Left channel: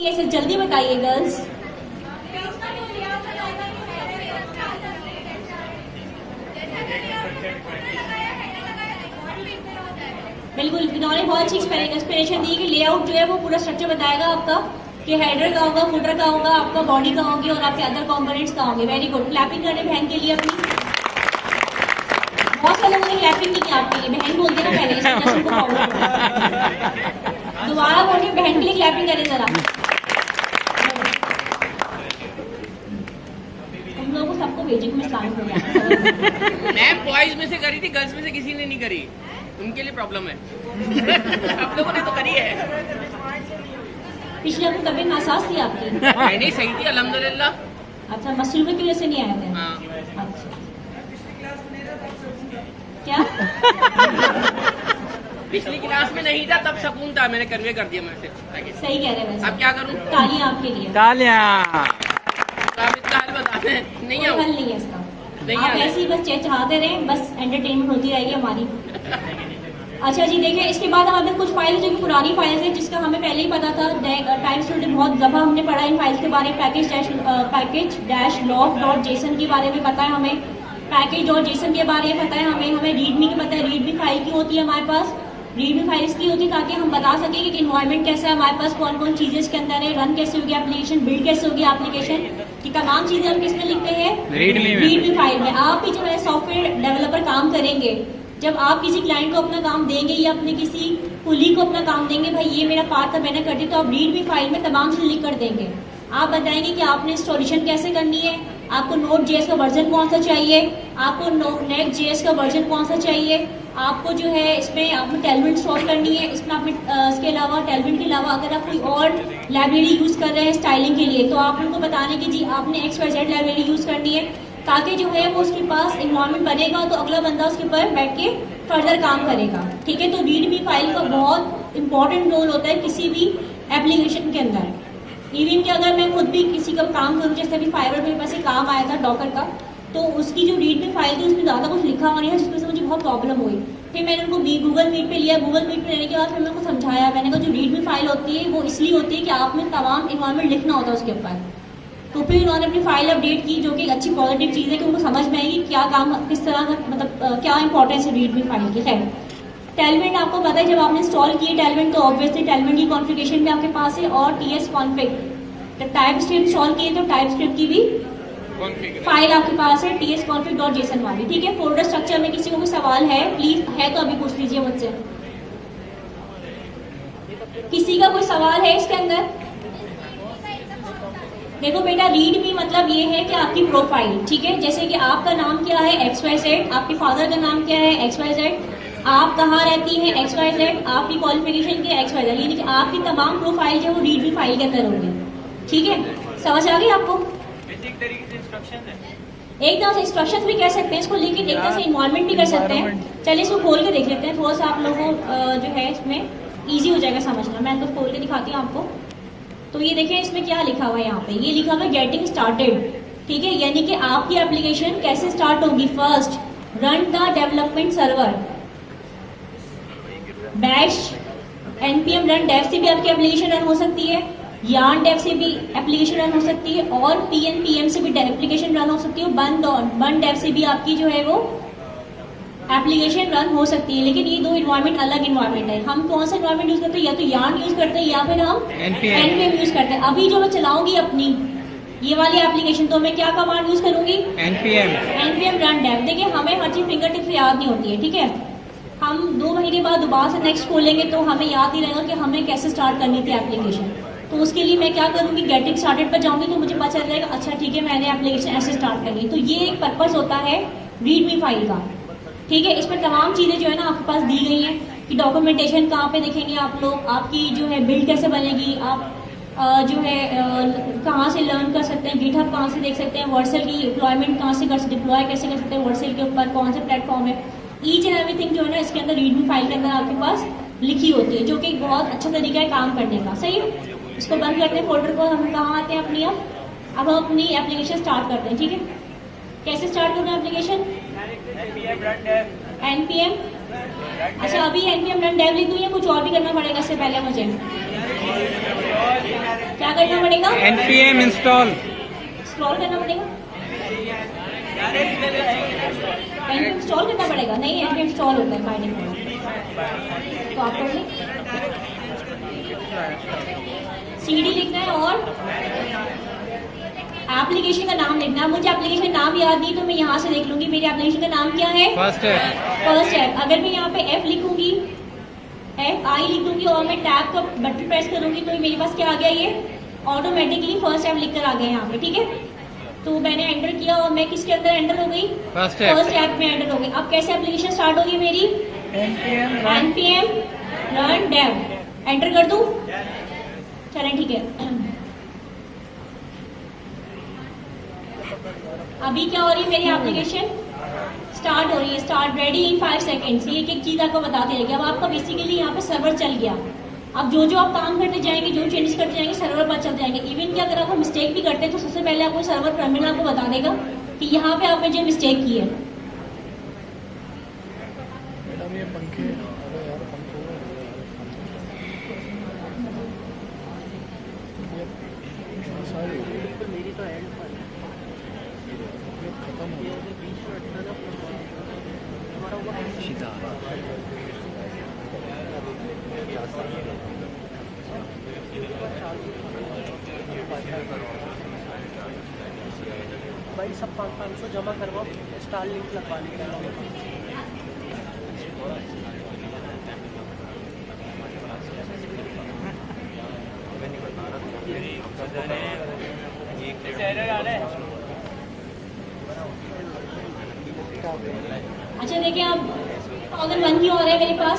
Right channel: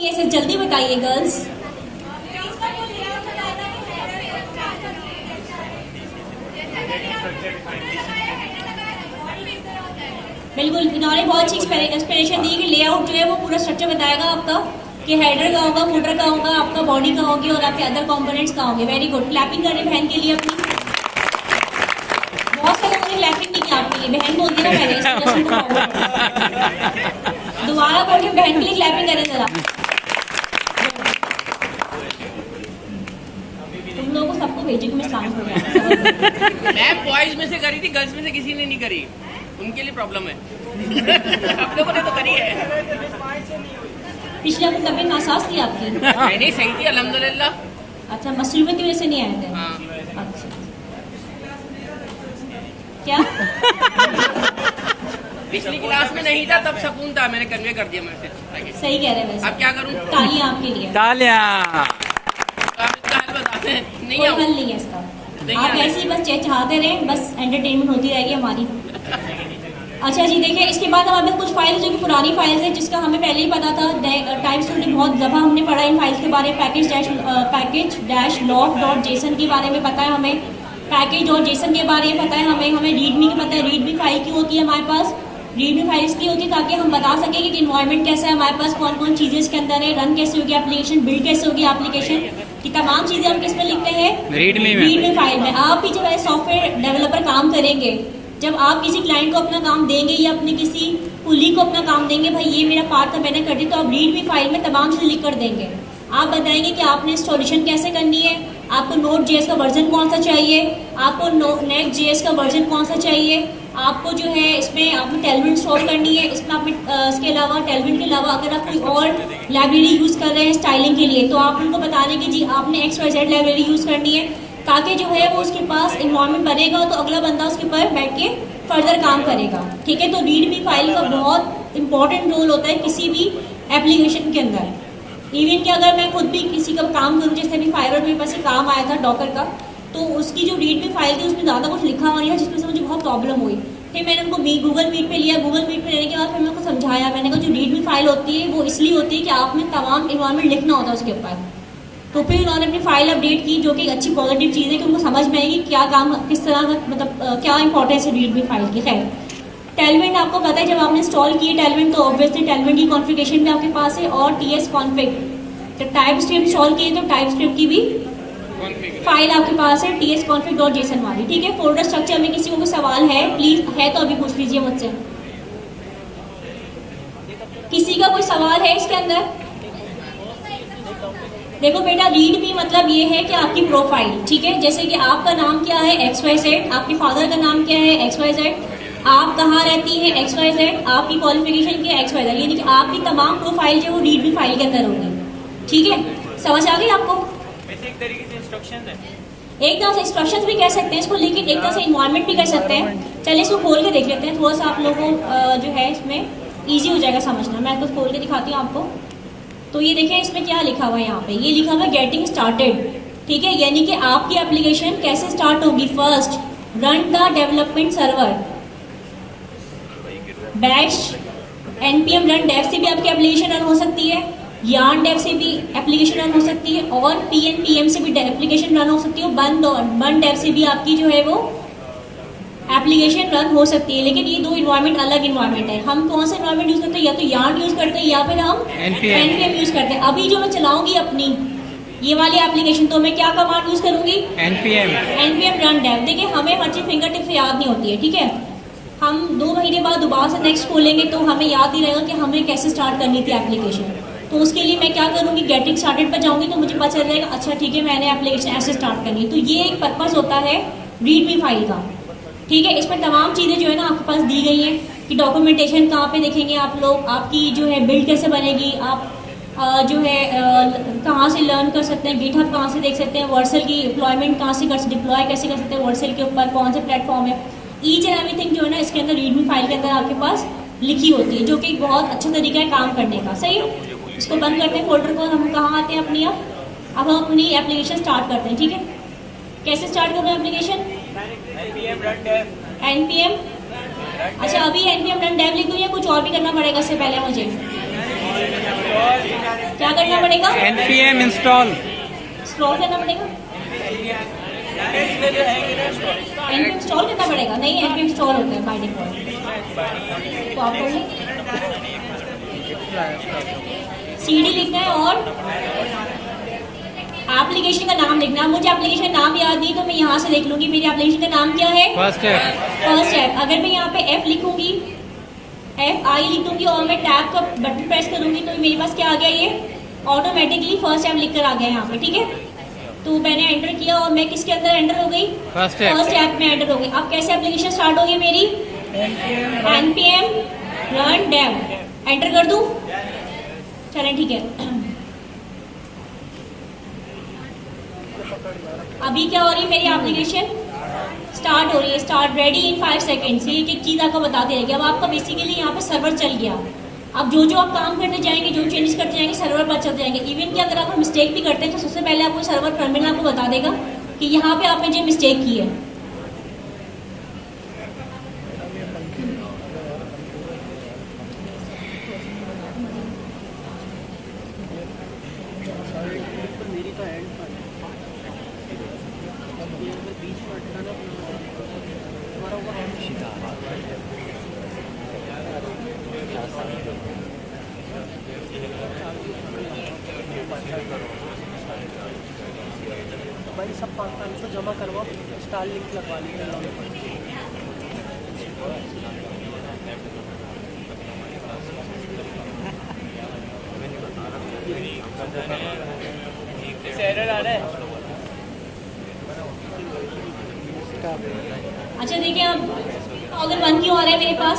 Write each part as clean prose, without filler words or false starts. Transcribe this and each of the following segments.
ये जल्दी बताइए गर्ल्स। बिल्कुल, इन्होंने बहुत अच्छी एक्सप्लेनेशन दी कि लेआउट जो है वो पूरा स्ट्रक्चर बताएगा आपका कि हेडर का होगा, फुटर का होगा, आपका बॉडी का होगी और आपके अदर कंपोनेंट्स का होंगे। वेरी गुड, क्लैपिंग करें बहन के लिए अपनी। बहुत सारे लोगों ने क्लैपिंग नहीं किया आपके लिए, बहन बोलती ना मैंने दोबारा बोल के बहन के लिए क्लैपिंग करें जरा। तुम लोगों को सबको भेजे कि मैं स्टार्ट हो गया। मैं बॉयज में से करी थी, गर्ल्स में से किसी ने नहीं करी, उनके लिए प्रॉब्लम है। आप लोगों ने तो करी है। पिछले आपको तबीयत नासाज थी आपकी? नहीं सही थी अल्हम्दुलिल्लाह। अच्छा, मसरूफियत की वजह से नहीं आए थे? हाँ। अच्छा, क्या पिछली क्लास में नहीं था तब सुकून था, मैंने कन्वे कर दिया मैसेज। सही कह रहे हैं वैसे। अब क्या करूं? तालियां आपके लिए। तालियां। आप इसका हल बताते हैं। नहीं कोई आओ। हल नहीं है इसका, नहीं आप है। ऐसे ही बस चलाते रहे, बस एंटरटेनमेंट होती रहेगी हमारी। अच्छा जी, देखिए इसके बाद हमारे पास कुछ फाइल्स जो कि पुरानी फाइल्स हैं जिसका हमें पहले ही पता था। टाइम स्टूडेंट बहुत दफा हमने पढ़ा इन फाइल्स के बारे में। Package dash log dot JSON के बारे में पता है हमें, पैकेज डॉट जेसन के बारे में पता है हमें रीडमी की पता है। रीडमी फाइल क्यों होती है हमारे पास? रीडमी फाइल इसलिए होती है ताकि हम बता सकें कि इन्वायरमेंट कैसा है हमारे पास, कौन कौन चीजें इसके अंदर है, रन कैसे होगी एप्लीकेशन, बिल्ड कैसे होगी एप्लीकेशन, की तमाम चीजें हम किसमें लिखते हैं? रीडमी फाइल में। आप भी जब एज सॉफ्टवेयर डेवलपर काम करेंगे, जब आप किसी क्लाइंट को अपना काम देंगे या अपने किसी कुली को अपना काम देंगे, भाई ये मेरा पार्ट था मैंने कर दिया, तो आप रीडमी फाइल में तमाम चीजें लिख कर देंगे। आप बताएंगे कि आपने इंस्टॉलेशन कैसे करनी है, आपको नोट जेएस का वर्जन कौन सा चाहिए, आपको नेट जेएस का वर्जन कौन सा चाहिए, आपको जो है इसमें आपको टेलविंड इंस्टॉल करनी है, इसमें आपने इसके अलावा टेलविंड के अलावा अगर आप कोई और लाइब्रेरी यूज कर रहे हैं स्टाइलिंग के लिए, तो आप उनको बता दें कि जी आपने XYZ लाइब्रेरी यूज करनी है, ताकि जो है वो उसके पास इन्वायरमेंट बनेगा तो अगला बंदा उसके ऊपर बैठ के फर्दर काम करेगा। ठीक है, तो रीडमी फाइल का बहुत इंपॉर्टेंट रोल होता है किसी भी एप्लीकेशन के अंदर। इवन कि अगर मैं खुद भी किसी का काम करूँ, जैसे अभी फाइवर मेरे पास काम आया था डॉकर का, तो उसकी जो रीडमी फाइल थी उसमें ज़्यादा कुछ लिखा हुआ नहीं था, जिसमें से मुझे बहुत प्रॉब्लम हुई। फिर मैंने उनको गूगल मीट पे लिया, गूगल मीट पे लेने के बाद फिर मैं उनको समझाया, मैंने कहा जो रीडमी फाइल होती है वो इसलिए होती है कि आपने तमाम इन्वायरमेंट लिखना होता है उसके ऊपर। तो फिर उन्होंने अपनी फाइल अपडेट की, जो कि अच्छी पॉजिटिव चीज़ है कि उनको समझ में आएगी क्या काम किस तरह का, मतलब क्या इंपॉर्टेंस है रीडमी फाइल की। खैर, टेलविंड आपको पता है जब आपने इंस्टॉल की टेलविंड तो ऑब्वियसली टेलविंड की कॉन्फ़िगरेशन भी आपके पास है और TS कॉन्फ़िग। जब टाइप स्क्रिप्ट इंस्टॉल की तो टाइप स्क्रिप्ट की भी फाइल आपके पास है TS config.json वाली। ठीक है, फोल्डर स्ट्रक्चर में किसी को कोई सवाल है प्लीज, है तो अभी पूछ लीजिए मुझसे। किसी का कोई सवाल है इसके अंदर? देखो बेटा, रीड मी मतलब ये है कि आपकी प्रोफाइल, ठीक है, जैसे कि आपका नाम क्या है XYZ, आपके फादर का नाम क्या है XYZ, आप कहाँ रहती हैं XYZ, आपकी क्वालिफिकेशन क्या है XYZ, यानी कि आपकी तमाम प्रोफाइल जो वो रीड मी फाइल के अंदर होगी। ठीक है, समझ आ गई आपको? एक तरीके से इंस्ट्रक्शन है, एक तरह से इंस्ट्रक्शंस भी कह सकते हैं इसको, लेकिन एक तरह से इन्वायरमेंट भी कर सकते हैं। चलिए इसको खोल के देख लेते हैं, थोड़ा सा आप लोगों को जो है इसमें इजी हो जाएगा समझना। मैं तो खोल के दिखाती हूँ आपको। तो ये देखें इसमें क्या लिखा हुआ है, यहाँ पे ये लिखा हुआ है गेटिंग स्टार्टेड। ठीक है, यानी कि आपकी एप्लीकेशन कैसे स्टार्ट होगी। First, run the development server bash npm run dev से भी आपकी एप्लीकेशन रन हो सकती है, yarn dev से भी एप्लीकेशन रन हो सकती है और pnpm से भी एप्लीकेशन रन हो सकती है, bun dev से भी आपकी जो है वो एप्लीकेशन रन हो सकती है। लेकिन ये दो इन्वायरमेंट अलग इन्वायरमेंट है। हम कौन सा इन्वायरमेंट यूज करते हैं, या तो yarn यूज करते हैं या फिर हम npm यूज करते हैं। अभी जो मैं चलाऊंगी अपनी ये वाली एप्लीकेशन, तो मैं क्या कमांड यूज करूंगी? npm run dev। देखिए हमें हर चीज फिंगर टिप से याद नहीं होती है। ठीक है, हम 2 महीने बाद दोबारा से नेक्स्ट खोलेंगे तो हमें याद ही रहेगा कि हमें कैसे स्टार्ट करनी थी एप्लीकेशन। तो उसके लिए मैं क्या करूंगी, गेटिंग स्टार्टेड पर जाऊंगी तो मुझे पता चल जाएगा अच्छा ठीक है मैंने एप्लीकेशन ऐसे स्टार्ट करनी है। तो ये एक पर्पस होता है रीडमी फाइल का। ठीक है, इस पर तमाम चीज़ें जो है ना आपके पास दी गई हैं कि डॉक्यूमेंटेशन कहाँ पे देखेंगे आप लोग, आपकी जो है बिल्ड कैसे बनेगी, आप जो है कहाँ से लर्न कर सकते हैं, गिटहब कहाँ से देख सकते हैं, वर्सल की डिप्लॉयमेंट कहाँ से डिप्लॉय कैसे कर सकते हैं, वर्सल के ऊपर कौन से प्लेटफॉर्म है, ईच एंड एवरीथिंग जो है ना इसके अंदर रीडमी फाइल के अंदर आपके पास लिखी होती है, जो कि बहुत अच्छा तरीका है काम करने का। सही, इसको बंद करते हैं फोल्डर को, हम कहाँ आते हैं अपनी, अब हम अपनी एप्लीकेशन स्टार्ट करते हैं। ठीक है, कैसे स्टार्ट करोगे एप्लीकेशन? npm। अच्छा, अभी npm run dev लिख दूं या कुछ और भी करना पड़ेगा इससे पहले मुझे? क्या पड़ेगा? npm इंस्टॉल स्क्रॉल करना पड़ेगा? npm इंस्टॉल करना पड़ेगा? नहीं, npm इंस्टॉल होता है बाय डिफॉल्ट। तो आप cd लिखना है और एप्लीकेशन का नाम लिखना है। मुझे एप्लीकेशन नाम याद नहीं तो मैं यहाँ से देख लूंगी मेरी एप्लीकेशन का नाम क्या है। First app. अगर मैं यहाँ पे F लिखूंगी, F I लिखूंगी और मैं टैब का बटन प्रेस करूंगी तो मेरे पास क्या आ गया, ये ऑटोमेटिकली फर्स्ट ऐप लिखकर आ गया यहाँ पे, ठीक है। तो मैंने एंटर किया और मैं किसके अंदर एंटर हो गई, फर्स्ट ऐप में एंटर हो गई। अब कैसे एप्लीकेशन स्टार्ट होगी मेरी, npm run dev एंटर कर दूं, चलें ठीक है। अभी क्या हो रही है, मेरी एप्लीकेशन स्टार्ट हो रही है, स्टार्ट रेडी इन 5 सेकेंड्स। ये एक चीज आपको बताते रहेगी। अब आपका बेसिकली यहाँ पे सर्वर चल गया। अब जो जो आप काम करते जाएंगे, जो चेंजेस करते जाएंगे, सर्वर पर चलते जाएंगे। इवन कि अगर आप मिस्टेक भी करते हैं तो सबसे पहले आपको सर्वर टर्मिनल आपको बता देगा कि यहाँ पे आपने जो मिस्टेक की है। भाई सब 500 जमा करवाओ, स्टार लिंक लगवा लीजिए। एरर आ रहा है। अच्छा देखिए, अब 1001 क्यों आ रहा है मेरे पास,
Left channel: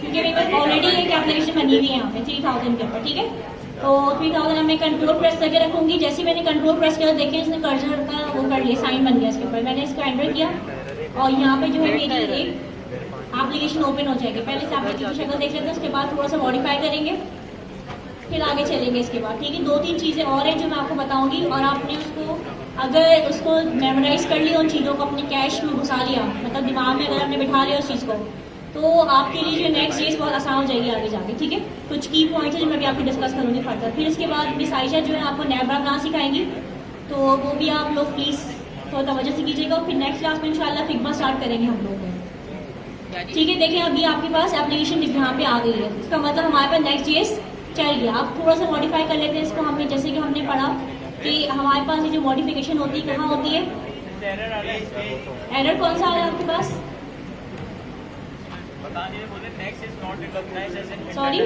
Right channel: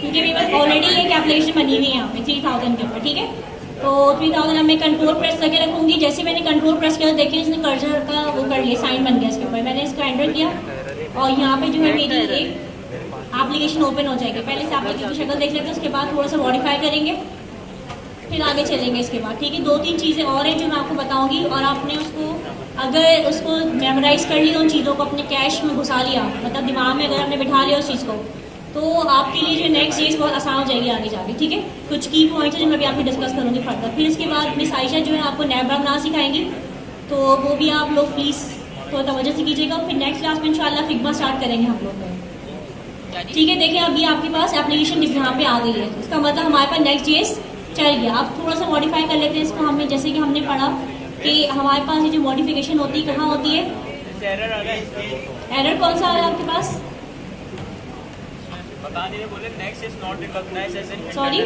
क्योंकि मेरे पास ऑलरेडी एक एप्लीकेशन बनी हुई है यहाँ पे 3000 के ऊपर, ठीक है। तो 3000 अब मैं कंट्रोल प्रेस करके रखूंगी। जैसे मैंने कंट्रोल प्रेस किया, देखिए इसने कर्सर का वो कर लिया, साइन बन गया इसके ऊपर। मैंने इसका एंटर किया और यहाँ पे जो है मेरी एक एप्लीकेशन ओपन हो जाएगी। पहले से एप्लीकेशन की शक्ल देख लेते हैं, उसके बाद थोड़ा सा मॉडिफाई करेंगे, फिर आगे चलेंगे इसके बाद, ठीक है। 2-3 चीज़ें और हैं जो मैं आपको बताऊंगी, और आपने उसको अगर उसको मेमोराइज कर लिया, उन चीज़ों को अपने कैश में घुसा लिया, मतलब दिमाग में अगर आपने बिठा लिया उस चीज़ को, तो आपके लिए जो नेक्स्ट चीज़ बहुत आसान हो जाएगी आगे जाके, ठीक है। कुछ की पॉइंट्स जो मैं भी आपको डिस्कस करूँगी फर्दर। फिर इसके बाद मिस आयशा जो है आपको नैबरा ना सिखाएंगी, तो वो भी आप लोग प्लीज़ थोड़ा तवज्जो से कीजिएगा। फिर नेक्स्ट क्लास में इंशाल्लाह फिग्मा स्टार्ट करेंगे हम लोग, ठीक है। देखिए अब ये आपके पास एप्लीकेशन यहाँ पे आ गई है, इसका मतलब हमारे पास नेक्स्ट जेस चल गया। अब थोड़ा सा मॉडिफाई कर लेते हैं इसको। हमें जैसे कि हमने पढ़ा कि हमारे पास ये जो मॉडिफिकेशन होती है कहाँ होती है, एरर आ रहा है इसमें। एरर कौन सा है आपके पास, बता नहीं रहे, next is not recognized as an sorry,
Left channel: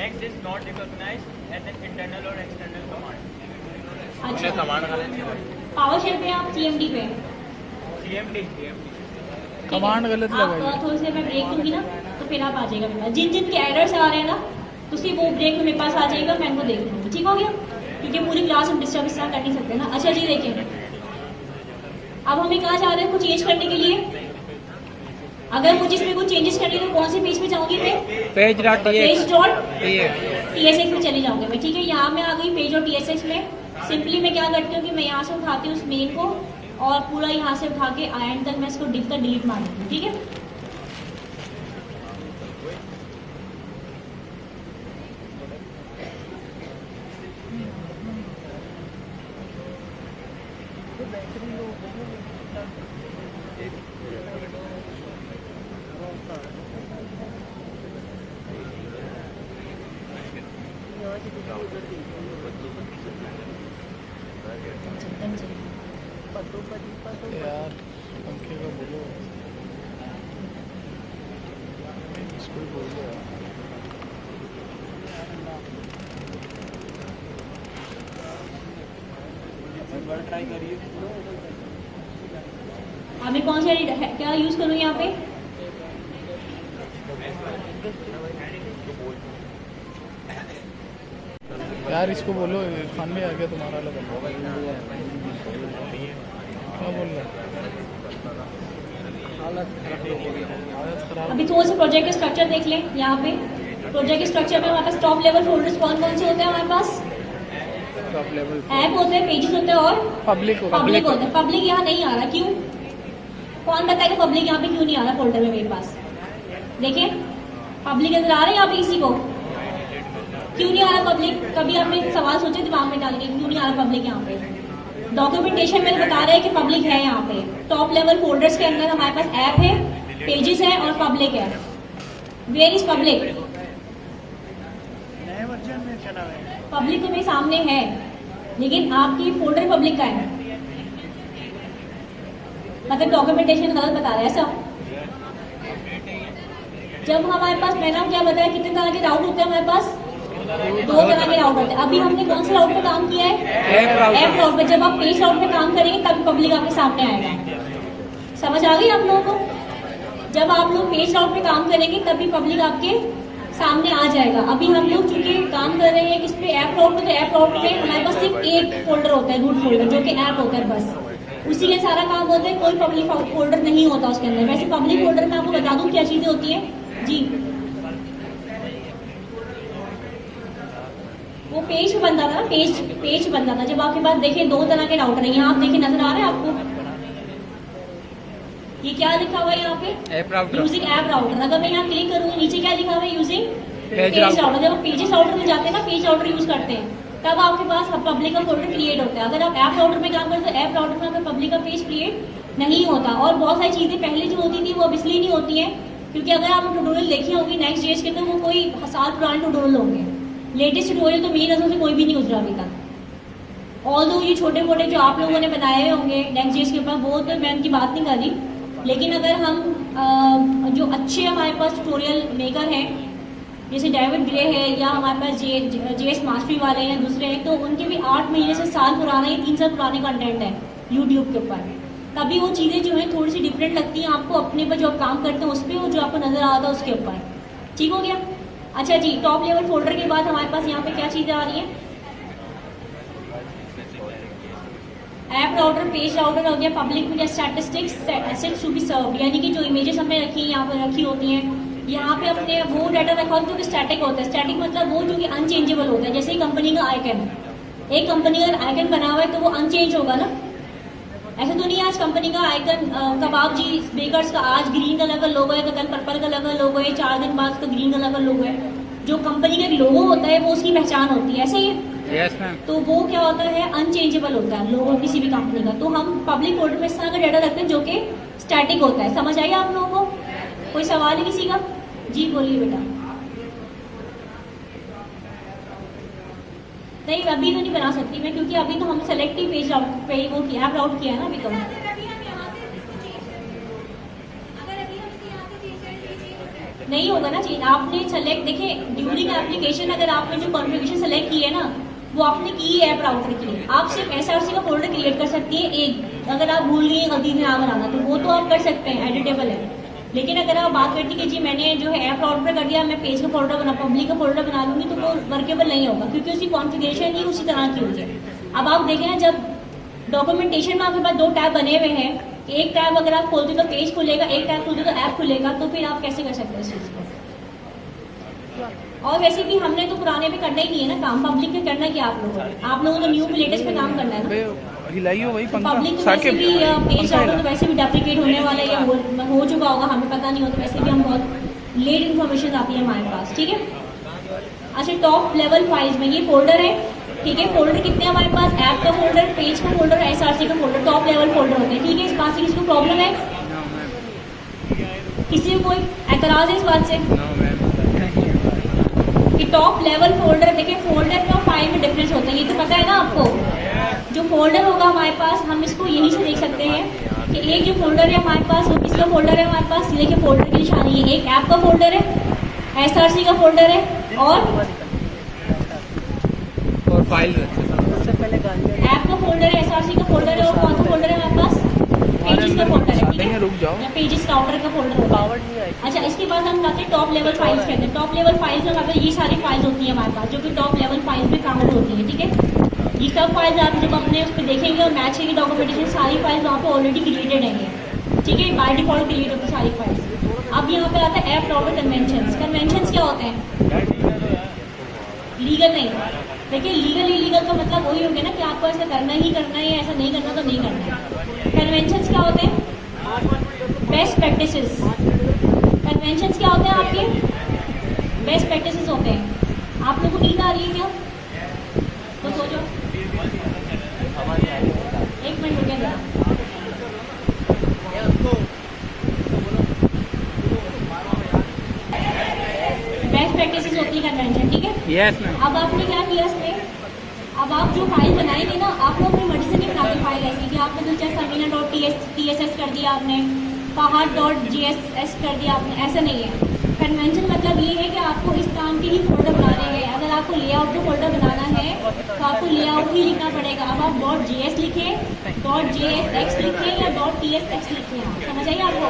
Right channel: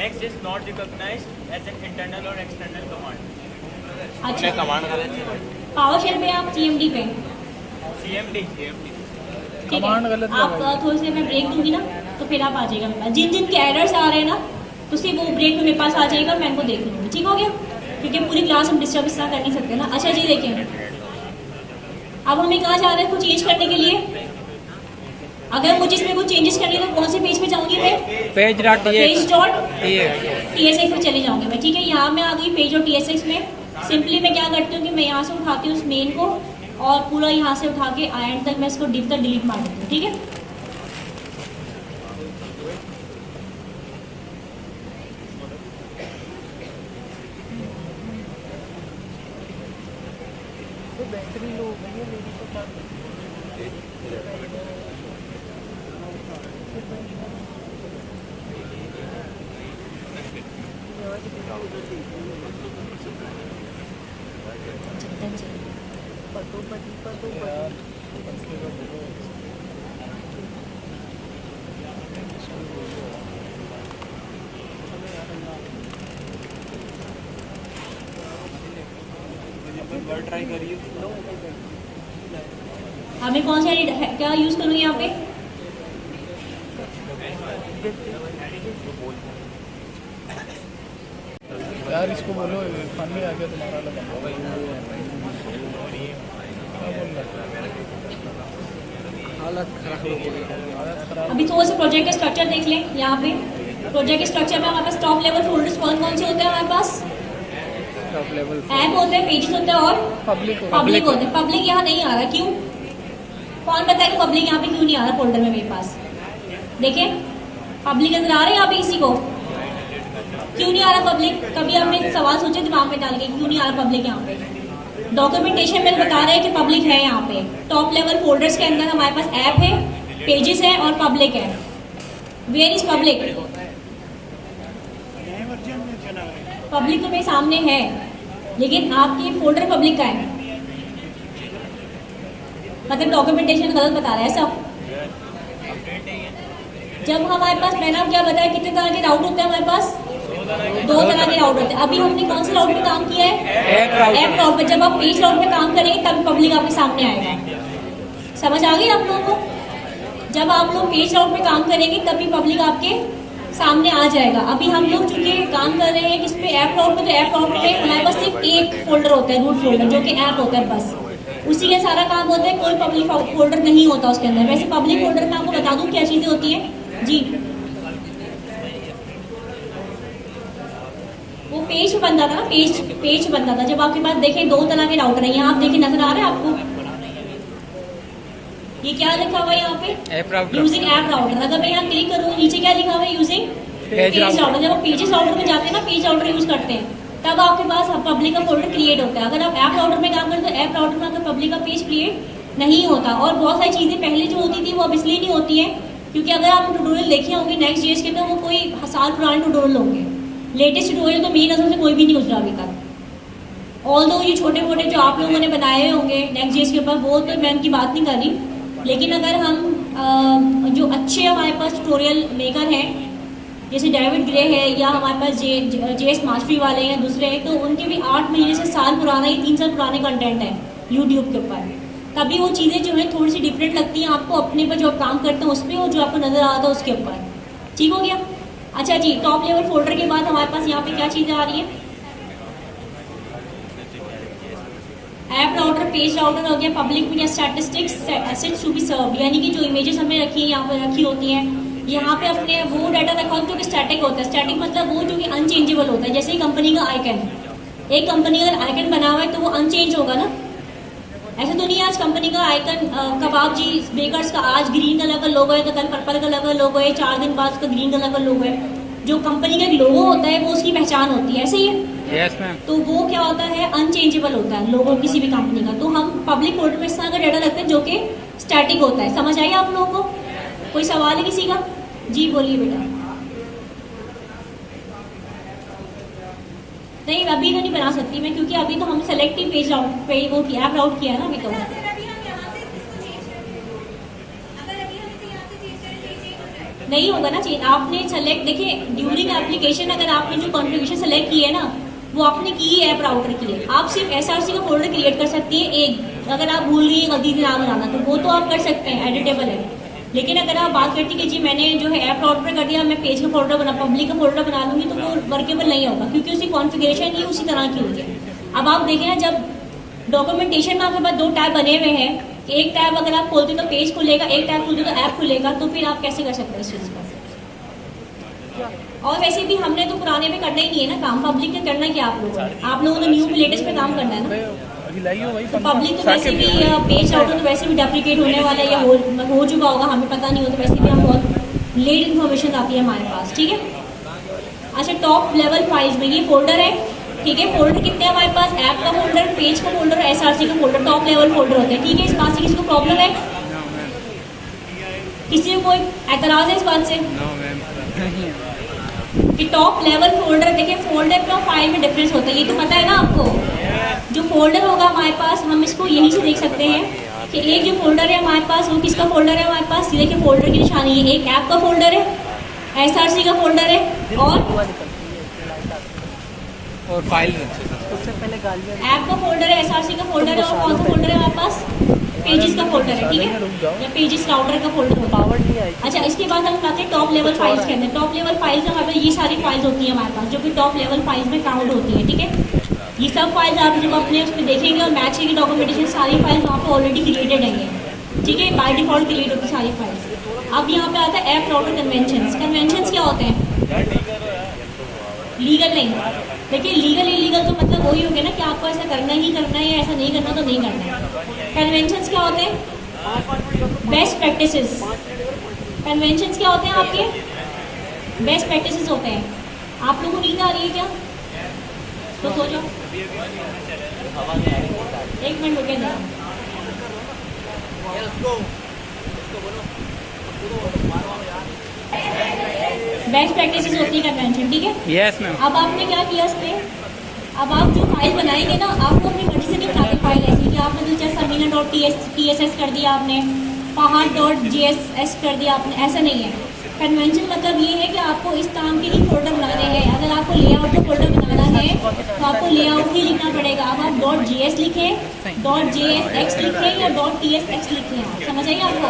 next is not recognized as an internal और एक्सटर्नल कमांड। अच्छा पावर शेल पे आप सीएमडी पे, सीएमडी ठीक है। आप थोड़ी सी मैं ब्रेक दूंगी ना तो फिर आप आ जाएगा मेरे पास। जिन जिन के एरर्स आ रहे हैं ना तो सिर्फ वो ब्रेक में मेरे पास आ जाएगा, मैं उनको देख लूँगी, ठीक हो गया। क्योंकि पूरी क्लास हम डिस्टर्ब इस तरह कर नहीं सकते ना। अच्छा जी देखिए, अब हमें कहाँ जा रहे हैं कुछ चेंज करने के लिए। अगर मुझे इसमें कुछ चेंजेस करनी है तो कौन से पेज पे जाऊंगी मैं, page.tsx में चले जाऊंगे मैं, ठीक है। यहाँ मैं आ गई page.tsx में। सिंपली मैं क्या करती हूँ कि मैं यहाँ से उठाती हूँ उस मेल को और पूरा यहाँ से उठा के एंड तक मैं इसको डिप तक डिलीट मार देती हूँ, ठीक है। हमें कौन सा क्या यूज करूँ यहाँ पे, यार इसको बोलो खान में आ गया तुम्हारा अभी थोड़ा सा प्रोजेक्ट का स्ट्रक्चर देख लें। यहाँ पे प्रोजेक्ट स्ट्रक्चर में हमारे पास टॉप लेवल फोल्डर्स कौन कौन से होते हैं हमारे पास, टॉप लेवल ऐप होते हैं, पेजेस होते हैं और पब्लिक होते हैं। पब्लिक यहाँ नहीं आ रहा, क्यों, कौन बताएगा पब्लिक यहाँ पे क्यों नहीं आ रहा फोल्डर में मेरे पास। देखिए पब्लिक नजर आ रहा है यहाँ पे किसी को, क्यों नहीं आ रहा पब्लिक? कभी आपने सवाल सोचे दिमाग में डाल के क्यों नहीं आ रहा पब्लिक यहाँ पे? डॉक्यूमेंटेशन में बता रहा है कि पब्लिक है यहाँ पे। टॉप लेवल फोल्डर्स के अंदर हमारे पास ऐप है, पेजेस है और पब्लिक है। Where is public? नए वर्जन में चला गया। पब्लिक तो मेरे सामने है, लेकिन आपकी फोल्डर पब्लिक का है, मतलब डॉक्यूमेंटेशन गलत बता रहा है सब। जब हमारे पास, मैंने आपको क्या बताया, कितने तरह के राउट होते हैं हमारे पास? 2 तरह के राउट होते हैं। अभी हमने कौन से राउट पे काम किया है? ऐप राउट पे। जब आप पेज राउट पे काम करेंगे तब पब्लिक आपके सामने आएगा। समझ आ गई आप लोगों को? जब आप लोग पेज राउट पे काम करेंगे तभी पब्लिक आपके सामने आ जाएगा। अभी हम लोग चूंकि काम कर रहे हैं किस पे? ऐप राउट पे। तो ऐप राउट पे हमारे पास सिर्फ एक फोल्डर होता है, रूट फोल्डर, जो कि ऐप होता है बस। उसी के सारा काम होता है, कोई पब्लिक फोल्डर नहीं होता उसके अंदर। वैसे पब्लिक फोल्डर में आपको बता दूं क्या चीजें होती हैं जी। वो पेज बनता था, पेज बनता था। जब आपके पास देखें 2 तरह के राउटर हैं, यहाँ आप देखें, नजर आ रहा है आपको? ये क्या लिखा हुआ है यहाँ पे? App router. Using app router. अगर मैं यहाँ क्लिक करूँ, नीचे क्या लिखा हुआ है? Using page router. जब आप पेजेस राउटर में जाते हैं ना, पेज राउटर यूज करते हैं, तब आपके पास पब्लिक का फोल्डर क्रिएट होता है। अगर आप ऐप राउटर में काम करें तो ऐप राउटर में आपका पब्लिक का पेज क्रिएट नहीं होता। और बहुत सारी चीजें पहले जो होती थी वो अब इसलिए नहीं होती है क्योंकि अगर आप ट्यूटोरियल देखे होंगे नेक्स्ट जेएस के, तो वो कोई साल पुराने ट्यूटोरियल होंगे। लेटेस्ट ट्यूटोरियल तो मेरी नजर से कोई भी नहीं गुजरा अभी तक। ऑल दो ये छोटे मोटे जो आप लोगों ने बनाए होंगे नेक्स्ट जेएस के ऊपर, वो तो मैं उनकी बात नहीं कर रही। लेकिन अगर हम जो अच्छे हमारे पास ट्यूटोरियल मेकर हैं, जैसे डेविड ग्रे है या हमारे पास जेएस मास्टरी वाले हैं दूसरे हैं, तो उनके भी 8 महीने से साल पुराना, ये 3 साल पुराने कंटेंट है यूट्यूब के ऊपर। तभी वो चीज़ें जो है थोड़ी सी डिफरेंट लगती हैं आपको अपने पर, जो आप काम करते हैं उस पर, और जो आपको नजर आता है उसके ऊपर। ठीक हो गया? अच्छा जी, टॉप लेवल फोल्डर के बाद हमारे पास यहाँ पे क्या चीज़ें आ रही है? ऐप राउटर, पेज राउटर हो गया, public media statistics, assets to be served, यानी कि जो इमेजेस हमने रखी है यहाँ पे रखी होती हैं, यहाँ पे अपने वो डाटा रखा होता है जो स्टैटिक होता है। स्टैटिक मतलब वो जो कि अनचेंजेबल होता है। जैसे कंपनी का आइकन, एक कंपनी का आइकन बना हुआ है तो वो अनचेंज होगा ना। ऐसा तो नहीं है आज कंपनी का आइकन कबाब जी बेकर्स का आज ग्रीन कलर का लोगो है, तो कल पर्पल कलर का लोगो है, 4 दिन बाद उसका ग्रीन कलर का लोगो है। जो कंपनी का लोगो होता है वो उसकी पहचान होती है, ऐसे ही है। Yes ma'am. तो वो क्या होता है? अनचेंजेबल होता है लोगो किसी भी कंपनी का। तो हम पब्लिक फोल्डर में इस तरह का डाटा रखते हैं जो कि स्टैटिक होता है। समझ आई आप लोगों को? कोई सवाल है किसी का? जी बोलिए बेटा। नहीं, अभी तो नहीं बना सकती मैं, क्योंकि अभी तो हम सेलेक्टिव पेज राउट पे वो ऐप राउट किया है ना अभी तो। नहीं होगा ना चेंज। आपने सेलेक्ट, देखिए ड्यूरिंग एप्लीकेशन अगर आपने जो कॉन्फ़िगरेशन सेलेक्ट की है ना, वो आपने की है ऐप राउटर के लिए। आप सिर्फ एसआरसी का फोल्डर क्रिएट कर सकती है एक, अगर आप भूल गई गलती से नाम बनाना, तो वो तो आप कर सकते हैं, एडिटेबल है। लेकिन अगर आप बात करती कि जी मैंने जो है ऐप राउटर कर दिया, मैं पेज का फोल्डर बना, पब्लिक का फोल्डर बना लूंगी, तो वो वर्केबल नहीं होगा, क्योंकि उसकी कॉन्फ़िगरेशन ही उसी तरह की होगी। अब आप देखें, जब डॉक्यूमेंटेशन में आपके पास 2 टैब बने हुए हैं, एक टैब अगर आप खोलते तो पेज खुलेगा, एक टैब खोलते तो ऐप खुलेगा, तो फिर आप कैसे कर सकते हैं इस चीज़ को? और वैसे भी हमने तो पुराने पे करना ही नहीं है ना काम, पब्लिक पे करना क्या आप लोगों ने न्यू लेटेस्ट पे काम करना है ना। हिलाई हो भाई तो पब्लिक तो वैसे भी पेज राउटर तो वैसे भी डेप्रिकेट होने वाला है, या हो चुका होगा, हमें पता नहीं हो, तो वैसे भी हम बहुत लेट इन्फॉर्मेशन आती है हमारे पास। ठीक है? अच्छा, टॉप लेवल फाइल्स में ये फोल्डर है, ठीक है। फोल्डर कितने हमारे पास? ऐप का फोल्डर, पेज का फोल्डर, एसआरसी का फोल्डर, टॉप लेवल फोल्डर होते हैं। ठीक है? इस बात से किसी को प्रॉब्लम है? No ma'am. किसी को कोई एतराज है इस बात से? No ma'am. कि टॉप लेवल फोल्डर, देखिए फोल्डर का फाइल में डिफरेंस होता है, ये तो पता है ना आपको। जो फोल्डर होगा हमारे पास, हम इसको यहीं से देख सकते हैं कि एक जो फोल्डर है हमारे पास, वो किसका फोल्डर है हमारे पास? देखिए फोल्डर की निशानी है, एक ऐप का फोल्डर है, एसआरसी का फोल्डर है, और फाइल सबसे पहले गालियाँ ऐप का फोल्डर है, एसआरसी का फोल्डर है, और कौन सा फोल्डर है हमारे पास? पेजेस का फोल्डर है। ठीक है? या पेजेस राउटर का फोल्डर होता है। पावर नहीं आई। अच्छा, इसके बाद हम आते हैं टॉप लेवल फाइल्स के अंदर। टॉप लेवल फाइल्स में हमारे पास ये सारी फाइल्स होती हैं हमारे पास, जो कि टॉप लेवल फाइल्स में काउंट होती है। ठीक है? ये सब फाइल्स आप जब अपने उस पर देखेंगे और मैच करेंगे डॉक्यूमेंटेशन, सारी फाइल्स वहाँ पर ऑलरेडी क्रिएटेड हैं। ठीक है? बाय डिफॉल्ट क्रिएट होती सारी फाइल्स। अब यहाँ पे आता है ऐप राउटर कन्वेंशंस। कन्वेंशंस क्या होते हैं? लीगल नहीं। देखिए लीगल इलीगल तो मतलब वही हो गया ना कि आपको ऐसा करना ही करना है, या ऐसा नहीं करना तो नहीं करना है। कन्वेंशंस क्या होते हैं? Best practices. कन्वेंशंस क्या होते हैं आपके? बेस्ट प्रैक्टिसेस होते हैं। आप लोगों को नींद आ रही है क्या? तो सो जाओ। एक मिनट रुके जरा। बेस्ट प्रैक्टिसेस होती है कन्वेंशन, ठीक है। Yes ma'am. अब आपने क्या किया इसमें, अब आप जो फाइल बनाएंगे ना, आप लोग अपनी मर्जी से नहीं बनाते फाइल ऐसी कि आपने तो जस्ट samina.tss कर दिया, आपने pahar.jss कर दिया आपने, ऐसा नहीं है। कन्वेंशन मतलब ये है कि आपको इस काम के ही फोल्डर बनाने हैं। अगर आपको लेआउट के फोल्डर बनाना है तो आपको लेआउट ही लिखना पड़ेगा। अब आप .js लिखें, .jsx लिखें या .tsx लिखें, समझ आइए आपको।